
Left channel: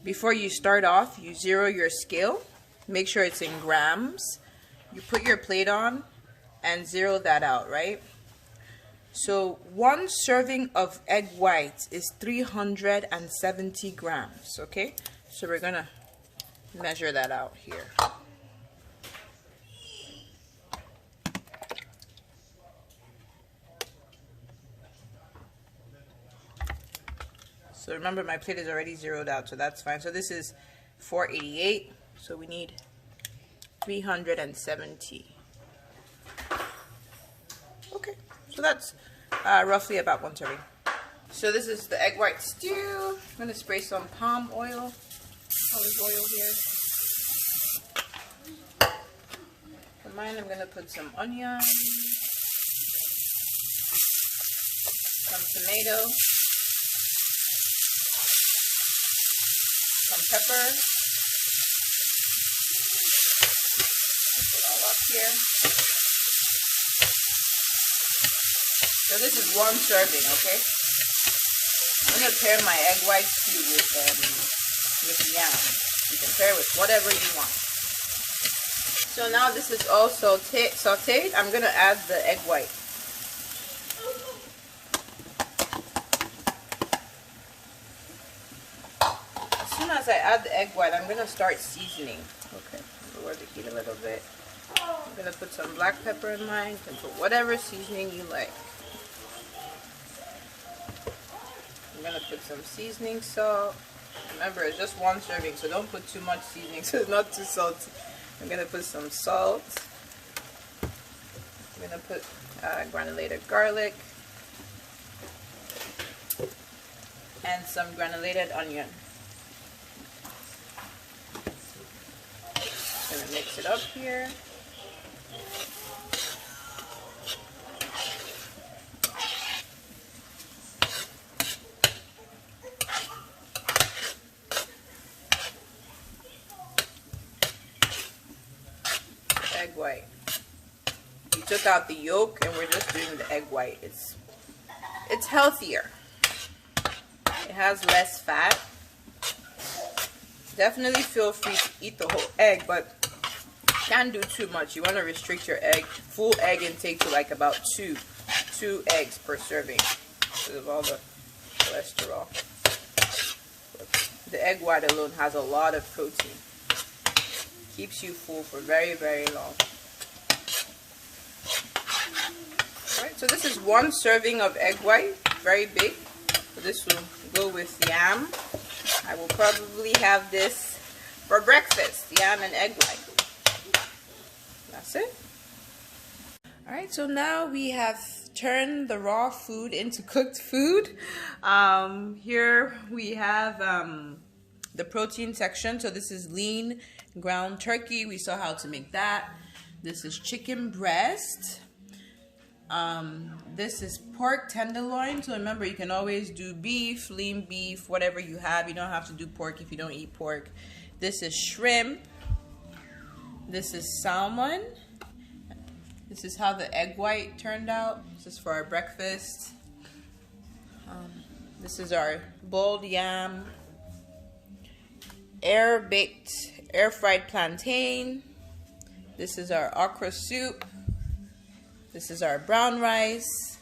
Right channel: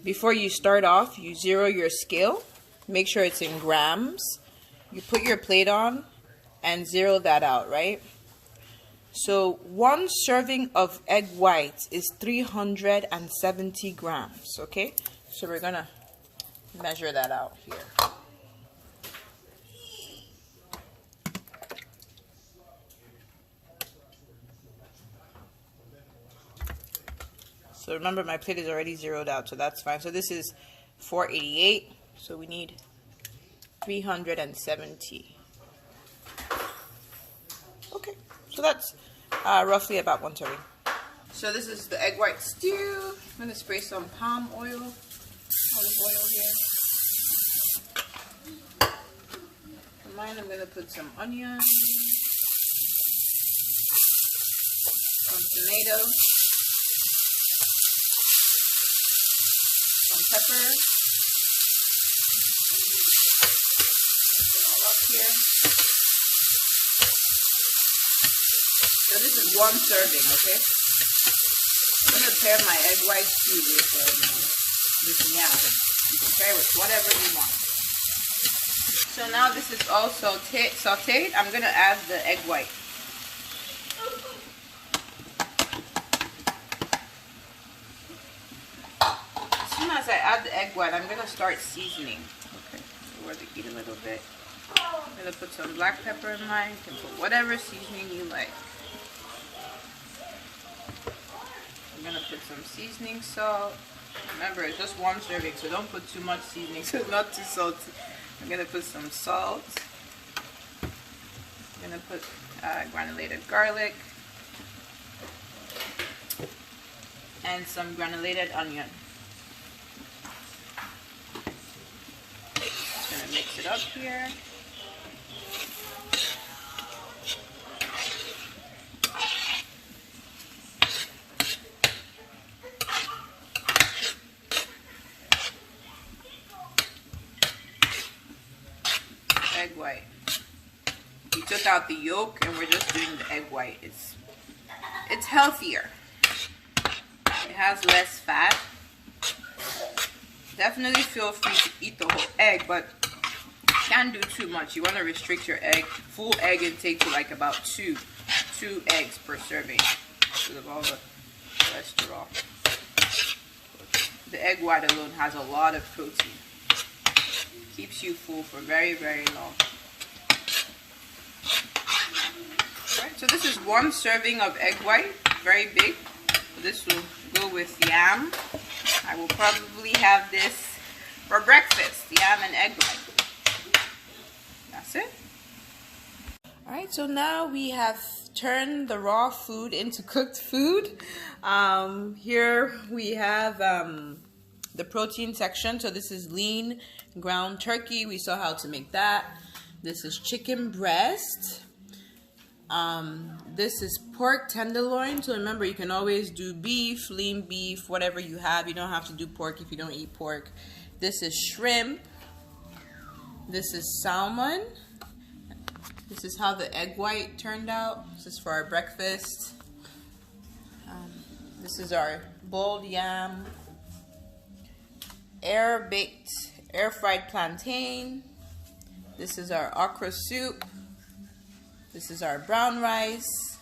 before you start off, you zero your scale. Make sure it's in grams. You put your plate on and zero that out, right? So 1 serving of egg whites is 370 grams, okay? So we're gonna measure that out here. So remember, my plate is already zeroed out, so that's fine. So this is 488, so we need 370. Okay, so that's roughly about 1 serving. So this is the egg white stew. I'm going to spray some palm oil, olive oil here. For mine, I'm going to put some onion, some tomato, some pepper. Put it all up here. So this is 1 serving, okay? I'm going to pair my egg white stew with yam. You can pair with whatever you want. So now this is all sauteed. I'm going to add the egg white. As soon as I add the egg white, I'm going to start seasoning. Okay, so we're going to eat a little bit. I'm going to put some black pepper in mine. You can put whatever seasoning you like. I'm going to put some seasoning salt. Remember, it's just 1 serving, so don't put too much seasoning so it's not too salty. I'm going to put some salt. I'm going to put granulated garlic. And some granulated onion. Just going to mix it up here. egg white. We took out the yolk and we're just doing the egg white. It's healthier. It has less fat. Definitely feel free to eat the whole egg, but can't do too much. You want to restrict your full egg intake to like about two eggs per serving because of all the cholesterol. The egg white alone has a lot of protein. Keeps you full for very, very long. Alright, so this is 1 serving of egg white, very big. So this will go with yam. I will probably have this for breakfast, yam and egg white. That's it. Alright, so now we have turned the raw food into cooked food. Here we have the protein section. So this is lean ground turkey. We saw how to make that. This is chicken breast. This is pork tenderloin. So remember, you can always do beef, lean beef, whatever you have. You don't have to do pork if you don't eat pork. This is shrimp. This is salmon. This is how the egg white turned out. This is for our breakfast. This is our boiled yam, air fried plantain. This is our okra soup. This is our brown rice.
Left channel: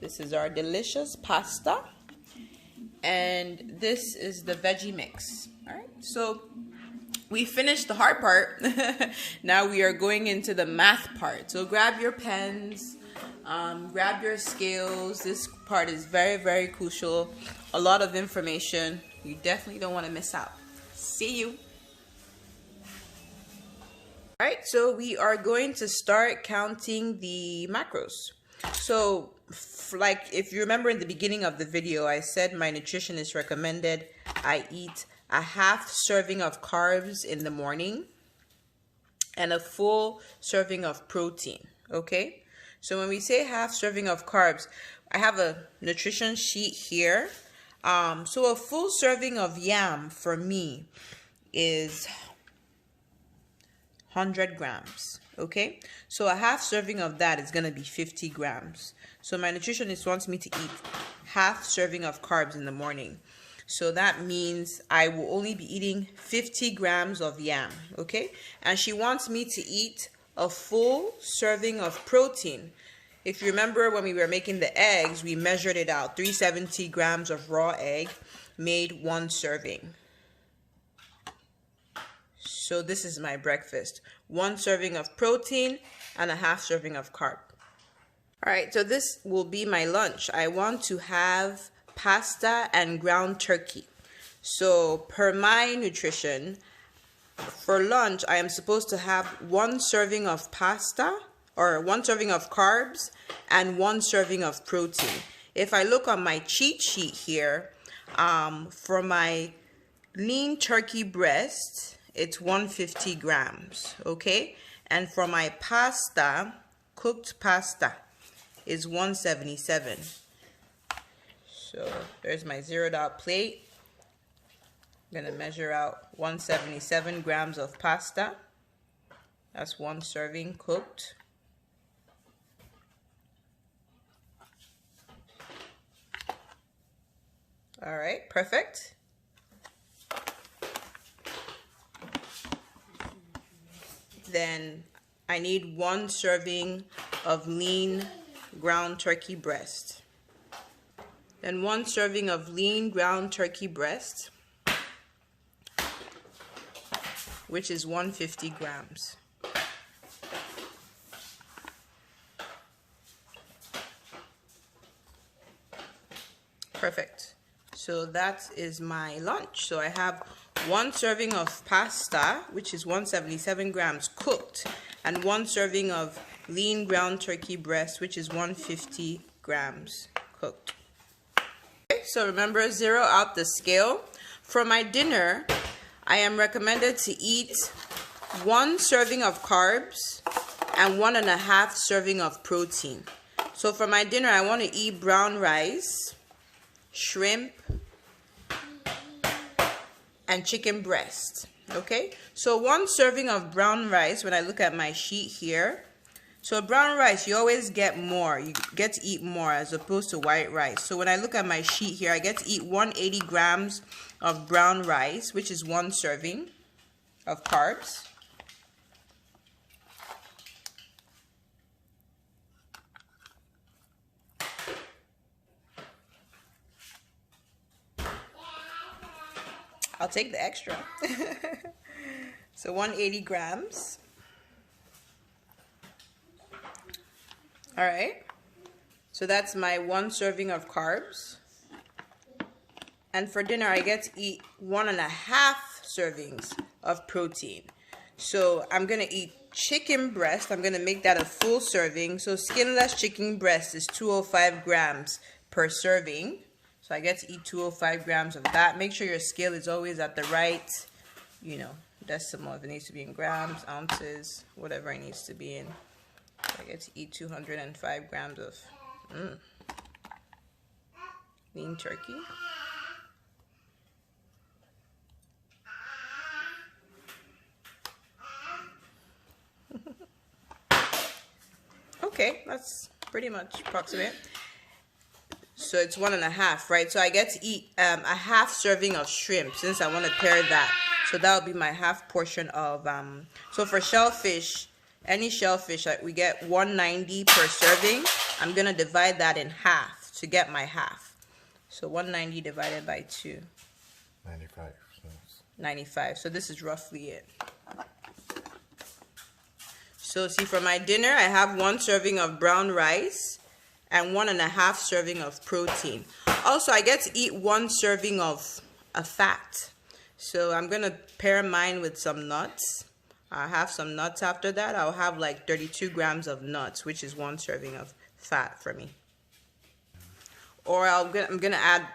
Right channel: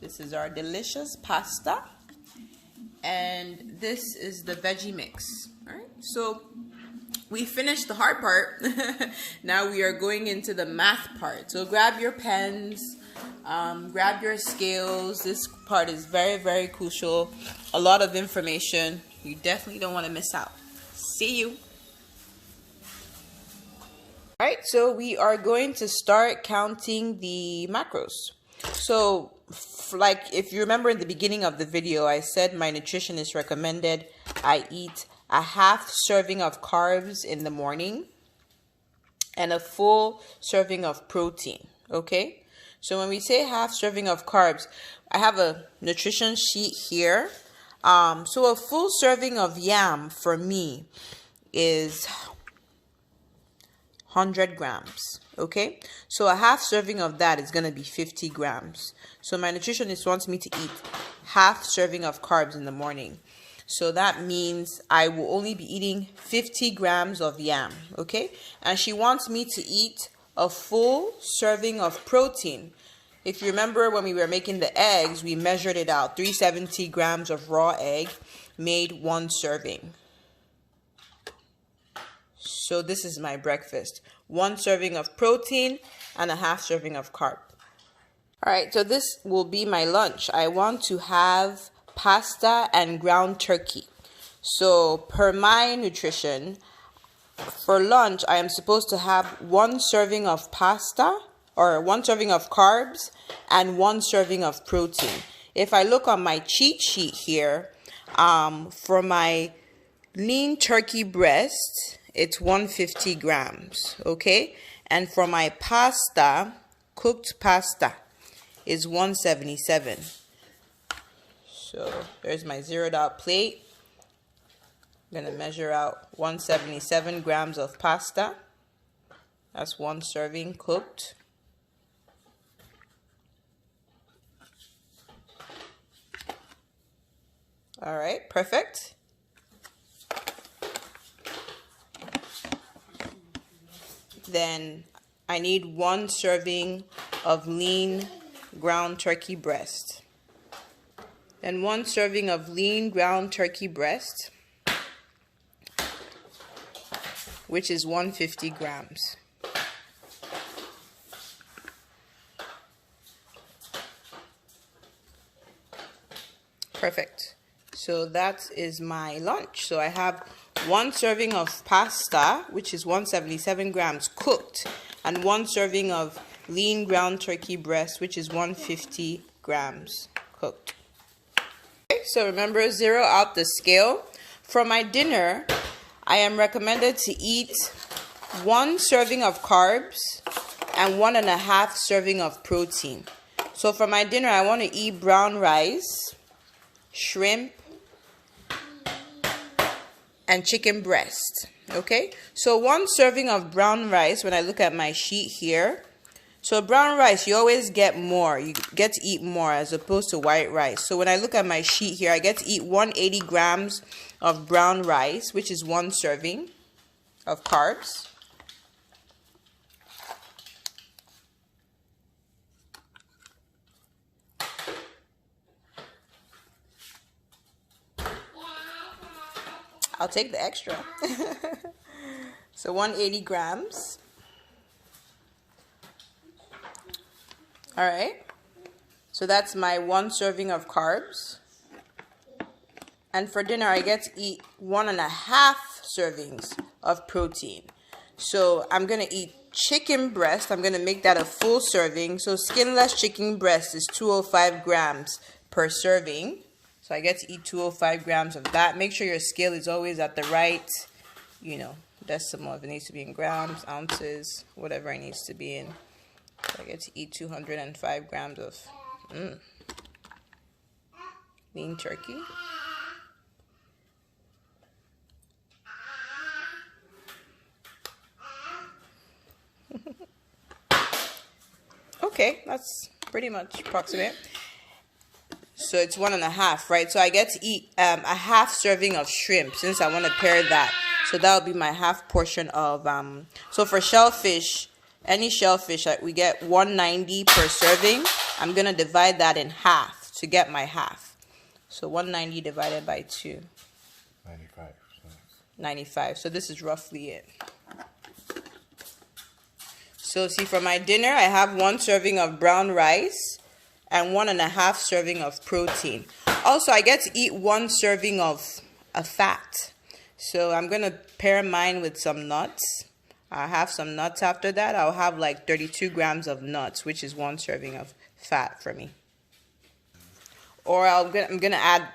This is our delicious pasta. And this is the veggie mix. All right, so we finished the hard part. Now we are going into the math part. So grab your pens, grab your scales. This part is very, very crucial. A lot of information. You definitely don't want to miss out. See you. All right, so we are going to start counting the macros. So like if you remember in the beginning of the video, I said my nutritionist recommended I eat a half serving of carbs in the morning and a full serving of protein. Okay, so when we say half serving of carbs, I have a nutrition sheet here. So a full serving of yam for me is 100 grams. Okay, so a half serving of that is going to be 50 grams. So my nutritionist wants me to eat half serving of carbs in the morning. So that means I will only be eating 50 grams of yam. Okay, and she wants me to eat a full serving of protein. If you remember when we were making the eggs, we measured it out. 370 grams of raw egg made 1 serving. So this is my breakfast. 1 serving of protein and a half serving of carb. All right, so this will be my lunch. I want to have pasta and ground turkey. So per my nutrition, for lunch, I am supposed to have 1 serving of pasta or 1 serving of carbs and 1 serving of protein. If I look on my cheat sheet here, for my lean turkey breast, it's 150 grams, okay? And for my pasta, cooked pasta, is 177. So there's my zeroed out plate. I'm gonna measure out 177 grams of pasta. That's 1 serving cooked. All right, perfect. Then I need 1 serving of lean ground turkey breast. Then 1 serving of lean ground turkey breast, which is 150 grams. Perfect. So that is my lunch. So I have 1 serving of pasta, which is 177 grams cooked, and 1 serving of lean ground turkey breast, which is 150 grams cooked. Okay, so remember, zero out the scale. For my dinner, I am recommended to eat 1 serving of carbs and 1.5 serving of protein. So for my dinner, I want to eat brown rice, shrimp, and chicken breast. Okay, so 1 serving of brown rice, when I look at my sheet here, so brown rice, you always get more. You get to eat more as opposed to white rice. So when I look at my sheet here, I get to eat 180 grams of brown rice, which is 1 serving of carbs. I'll take the extra. So 180 grams. All right. So that's my 1 serving of carbs. And for dinner, I get to eat 1.5 servings of protein. So I'm going to eat chicken breast. I'm going to make that a full serving. So skinless chicken breast is 205 grams per serving. So I get to eat 205 grams of that. Make sure your scale is always at the right, decimal. If it needs to be in grams, ounces, whatever it needs to be in. So I get to eat 205 grams of lean turkey. Okay, that's pretty much approximate. So it's 1.5, right? So I get to eat a half serving of shrimp since I want to pair that. So that will be my half portion of, so for shellfish, any shellfish, we get 190 per serving. I'm going to divide that in half to get my half. So 190 divided by 2. 95. 95. So this is roughly it. So see, for my dinner, I have 1 serving of brown rice and 1.5 serving of protein. Also, I get to eat 1 serving of a fat. So I'm going to pair mine with some nuts. I'll have some nuts after that. I'll have like 32 grams of nuts, which is 1 serving of fat for me. Or I'm gonna add,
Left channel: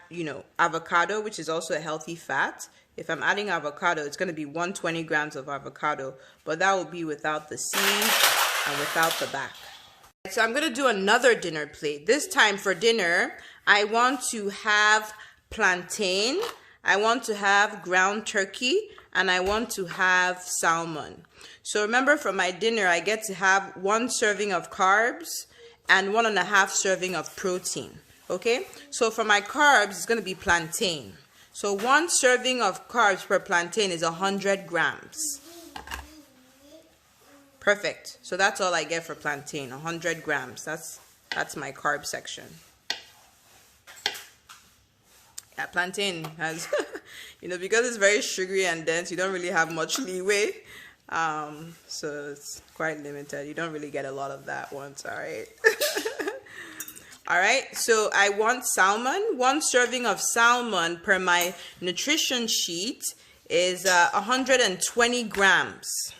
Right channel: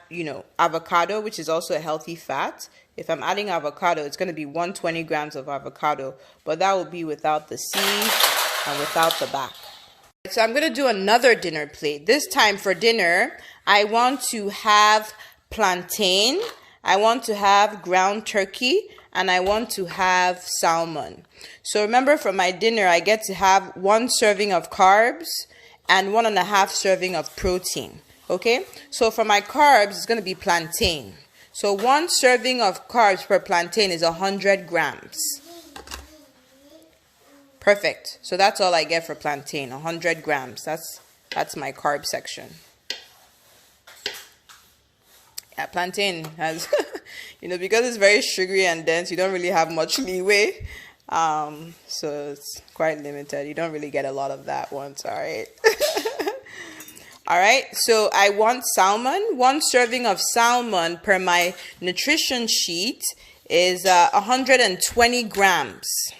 avocado, which is also a healthy fat. If I'm adding avocado, it's gonna be 120 grams of avocado, but that will be without the seeds and without the back. So I'm gonna do another dinner plate. This time for dinner, I want to have plantain, I want to have ground turkey, and I want to have salmon. So remember, for my dinner, I get to have 1 serving of carbs and 1.5 serving of protein. Okay, so for my carbs, it's going to be plantain. So 1 serving of carbs per plantain is 100 grams. Perfect. So that's all I get for plantain, 100 grams. That's my carb section. Yeah, plantain has, because it's very sugary and dense, you don't really have much leeway. So it's quite limited. You don't really get a lot of that once, all right? All right, so I want salmon. 1 serving of salmon per my nutrition sheet is 120 grams.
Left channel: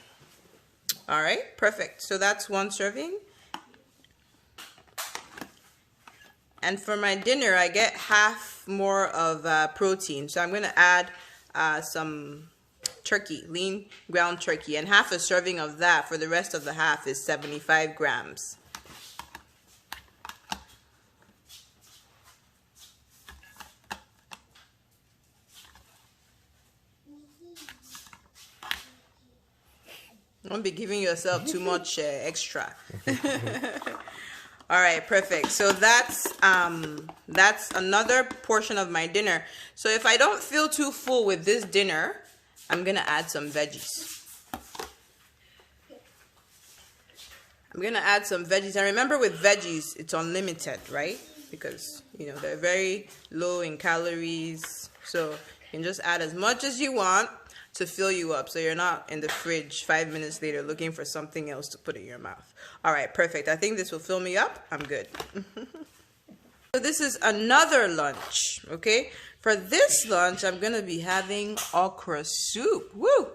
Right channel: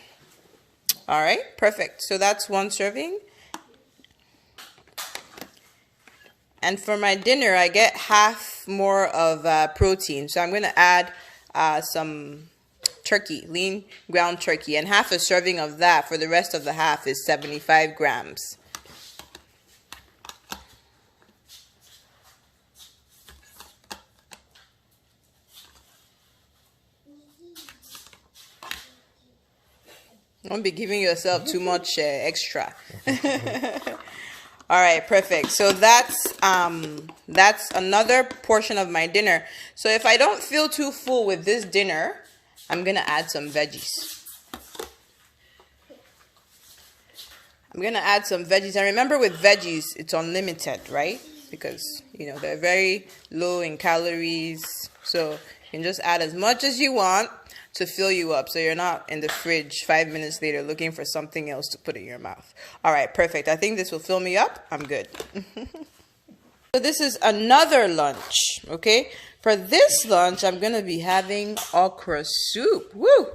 All right, perfect. So that's 1 serving. And for my dinner, I get half more of protein. So I'm going to add some turkey, lean ground turkey. And half a serving of that for the rest of the half is 75 grams. Don't be giving yourself too much extra. All right, perfect. So that's another portion of my dinner. So if I don't feel too full with this dinner, I'm gonna add some veggies. I'm gonna add some veggies. And remember, with veggies, it's unlimited, right? Because they're very low in calories. So you can just add as much as you want to fill you up, so you're not in the fridge 5 minutes later looking for something else to put in your mouth. All right, perfect. I think this will fill me up. I'm good. So this is another lunch, okay? For this lunch, I'm going to be having okra soup. Woo!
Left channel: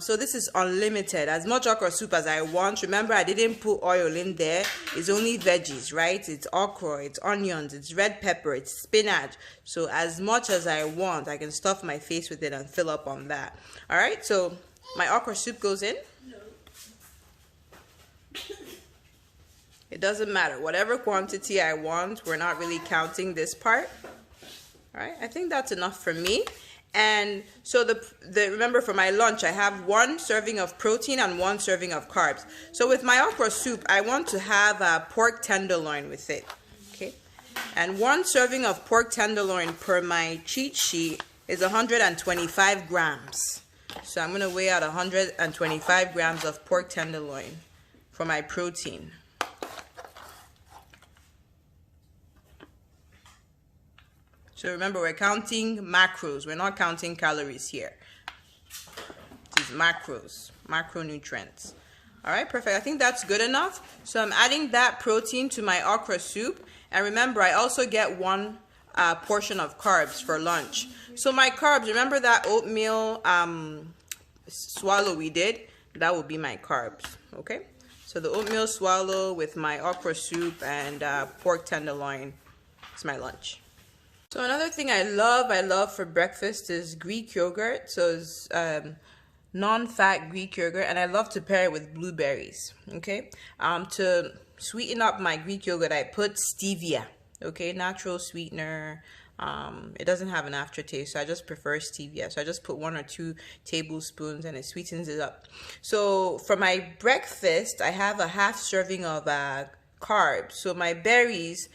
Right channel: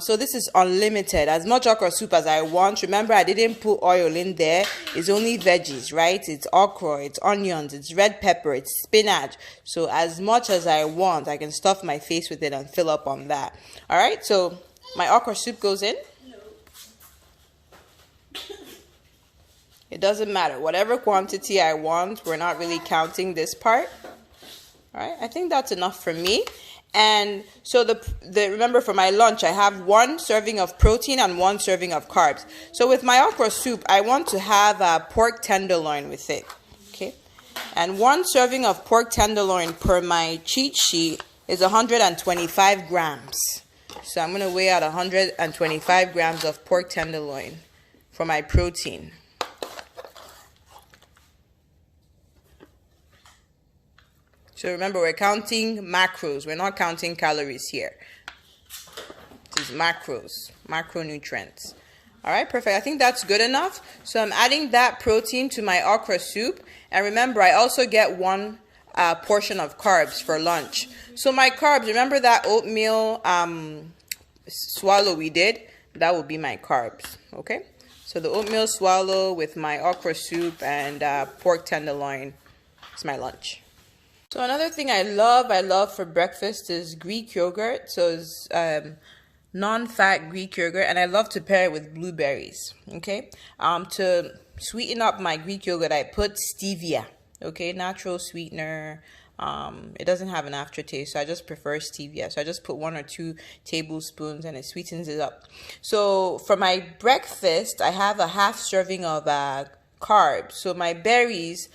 So this is unlimited, as much okra soup as I want. Remember, I didn't put oil in there. It's only veggies, right? It's okra, it's onions, it's red pepper, it's spinach. So as much as I want, I can stuff my face with it and fill up on that. All right, so my okra soup goes in. No. It doesn't matter. Whatever quantity I want, we're not really counting this part. All right, I think that's enough for me. And so remember, for my lunch, I have 1 serving of protein and 1 serving of carbs. So with my okra soup, I want to have a pork tenderloin with it. Okay. And 1 serving of pork tenderloin per my cheat sheet is 125 grams. So I'm going to weigh out 125 grams of pork tenderloin for my protein. So remember, we're counting macros. We're not counting calories here. This is macros, macronutrients. All right, perfect. I think that's good enough. So I'm adding that protein to my okra soup. And remember, I also get 1 portion of carbs for lunch. So my carbs, remember that oatmeal swallow we did? That will be my carbs, okay? So the oatmeal swallow with my okra soup and pork tenderloin is my lunch. So another thing I love for breakfast is Greek yogurt. So it's non-fat Greek yogurt, and I love to pair it with blueberries. Okay. To sweeten up my Greek yogurt, I put stevia. Okay, natural sweetener. It doesn't have an aftertaste, so I just prefer stevia. So I just put 1 or 2 tablespoons, and it sweetens it up. So for my breakfast, I have a half serving of carbs. So my berries.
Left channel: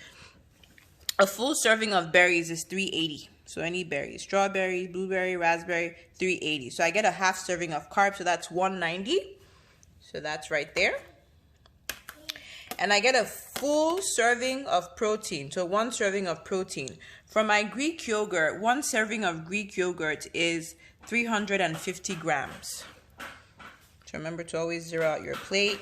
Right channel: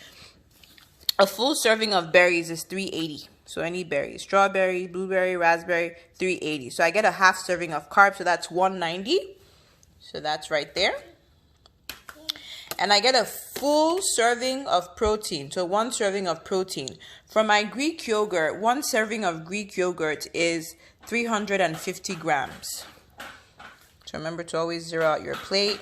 A full serving of berries is 380. So any berry, strawberry, blueberry, raspberry, 380. So I get a half serving of carbs, so that's 190. So that's right there. And I get a full serving of protein. So 1 serving of protein. For my Greek yogurt, 1 serving of Greek yogurt is 350 grams. So remember to always zero out your plate.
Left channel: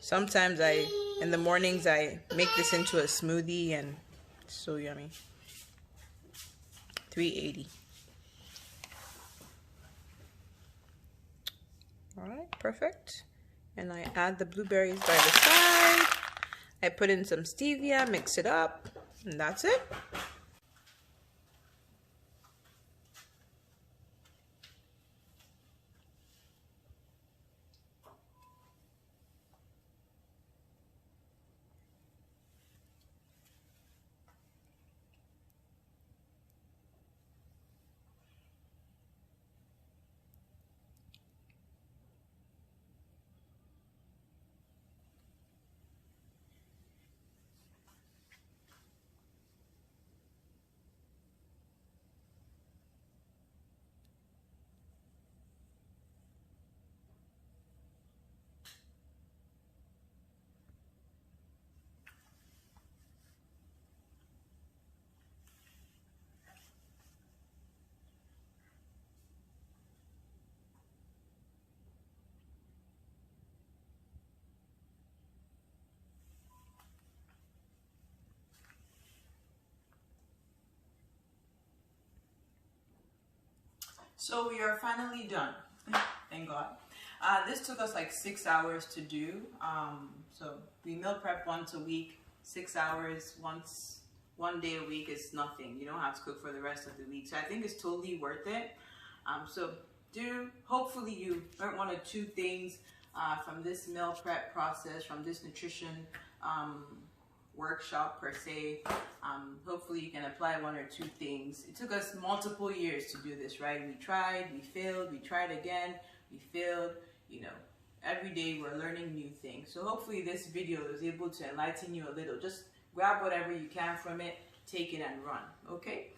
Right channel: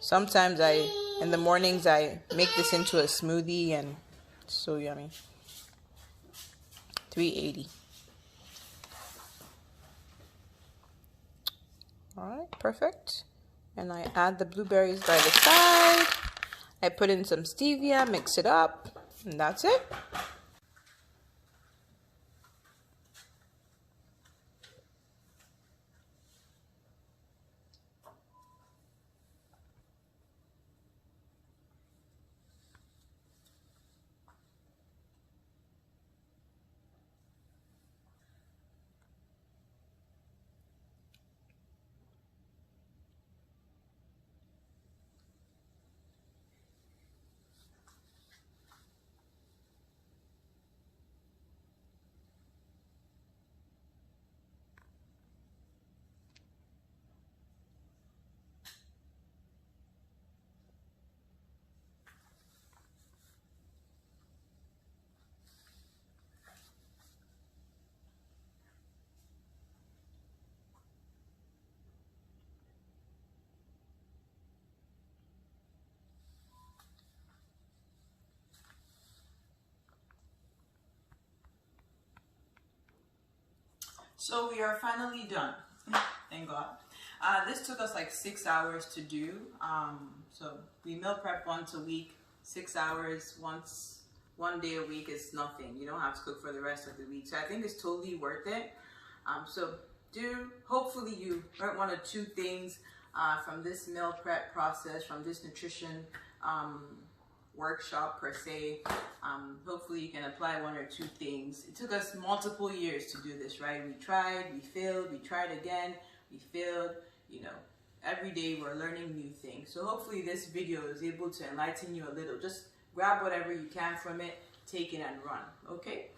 Sometimes in the mornings, I make this into a smoothie, and it's so yummy. 380. All right, perfect. And I add the blueberries by the side. I put in some stevia, mix it up, and that's it. So we are finally done. Thank God. This took us like 6 hours to do. So we meal prep once a week, 6 hours, 1 day a week is nothing. You don't have to cook for the rest of the week. So I think it's totally worth it. Hopefully you learned 1 or 2 things from this meal prep process, from this nutrition workshop per se. Hopefully you can apply 1 or 2 things. It took us multiple years to do this, right? We tried, we failed, we tried again, we failed. You know, every day we're learning new things. So hopefully this video is able to enlighten you a little. Just grab whatever you can from it, take it and run, okay?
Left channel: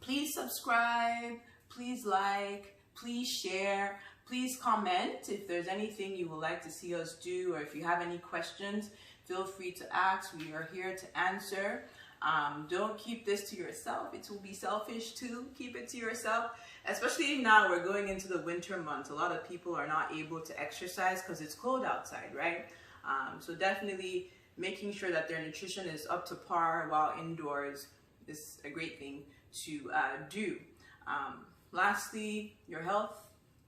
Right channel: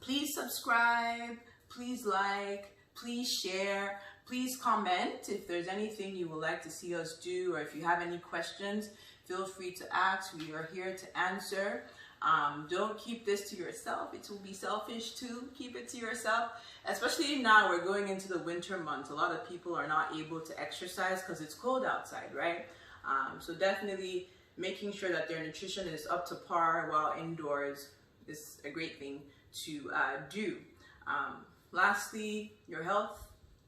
Please subscribe, please like, please share, please comment if there's anything you would like to see us do, or if you have any questions, feel free to ask. We are here to answer. Don't keep this to yourself. It will be selfish too. Keep it to yourself. Especially now we're going into the winter months. A lot of people are not able to exercise because it's cold outside, right? So definitely making sure that their nutrition is up to par while indoors is a great thing to do. Lastly, your health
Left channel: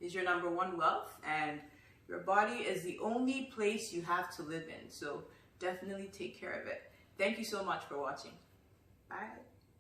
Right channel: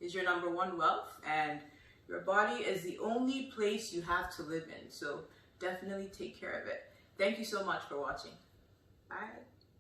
is your #1 wealth, and your body is the only place you have to live in. So definitely take care of it. Thank you so much for watching. Bye.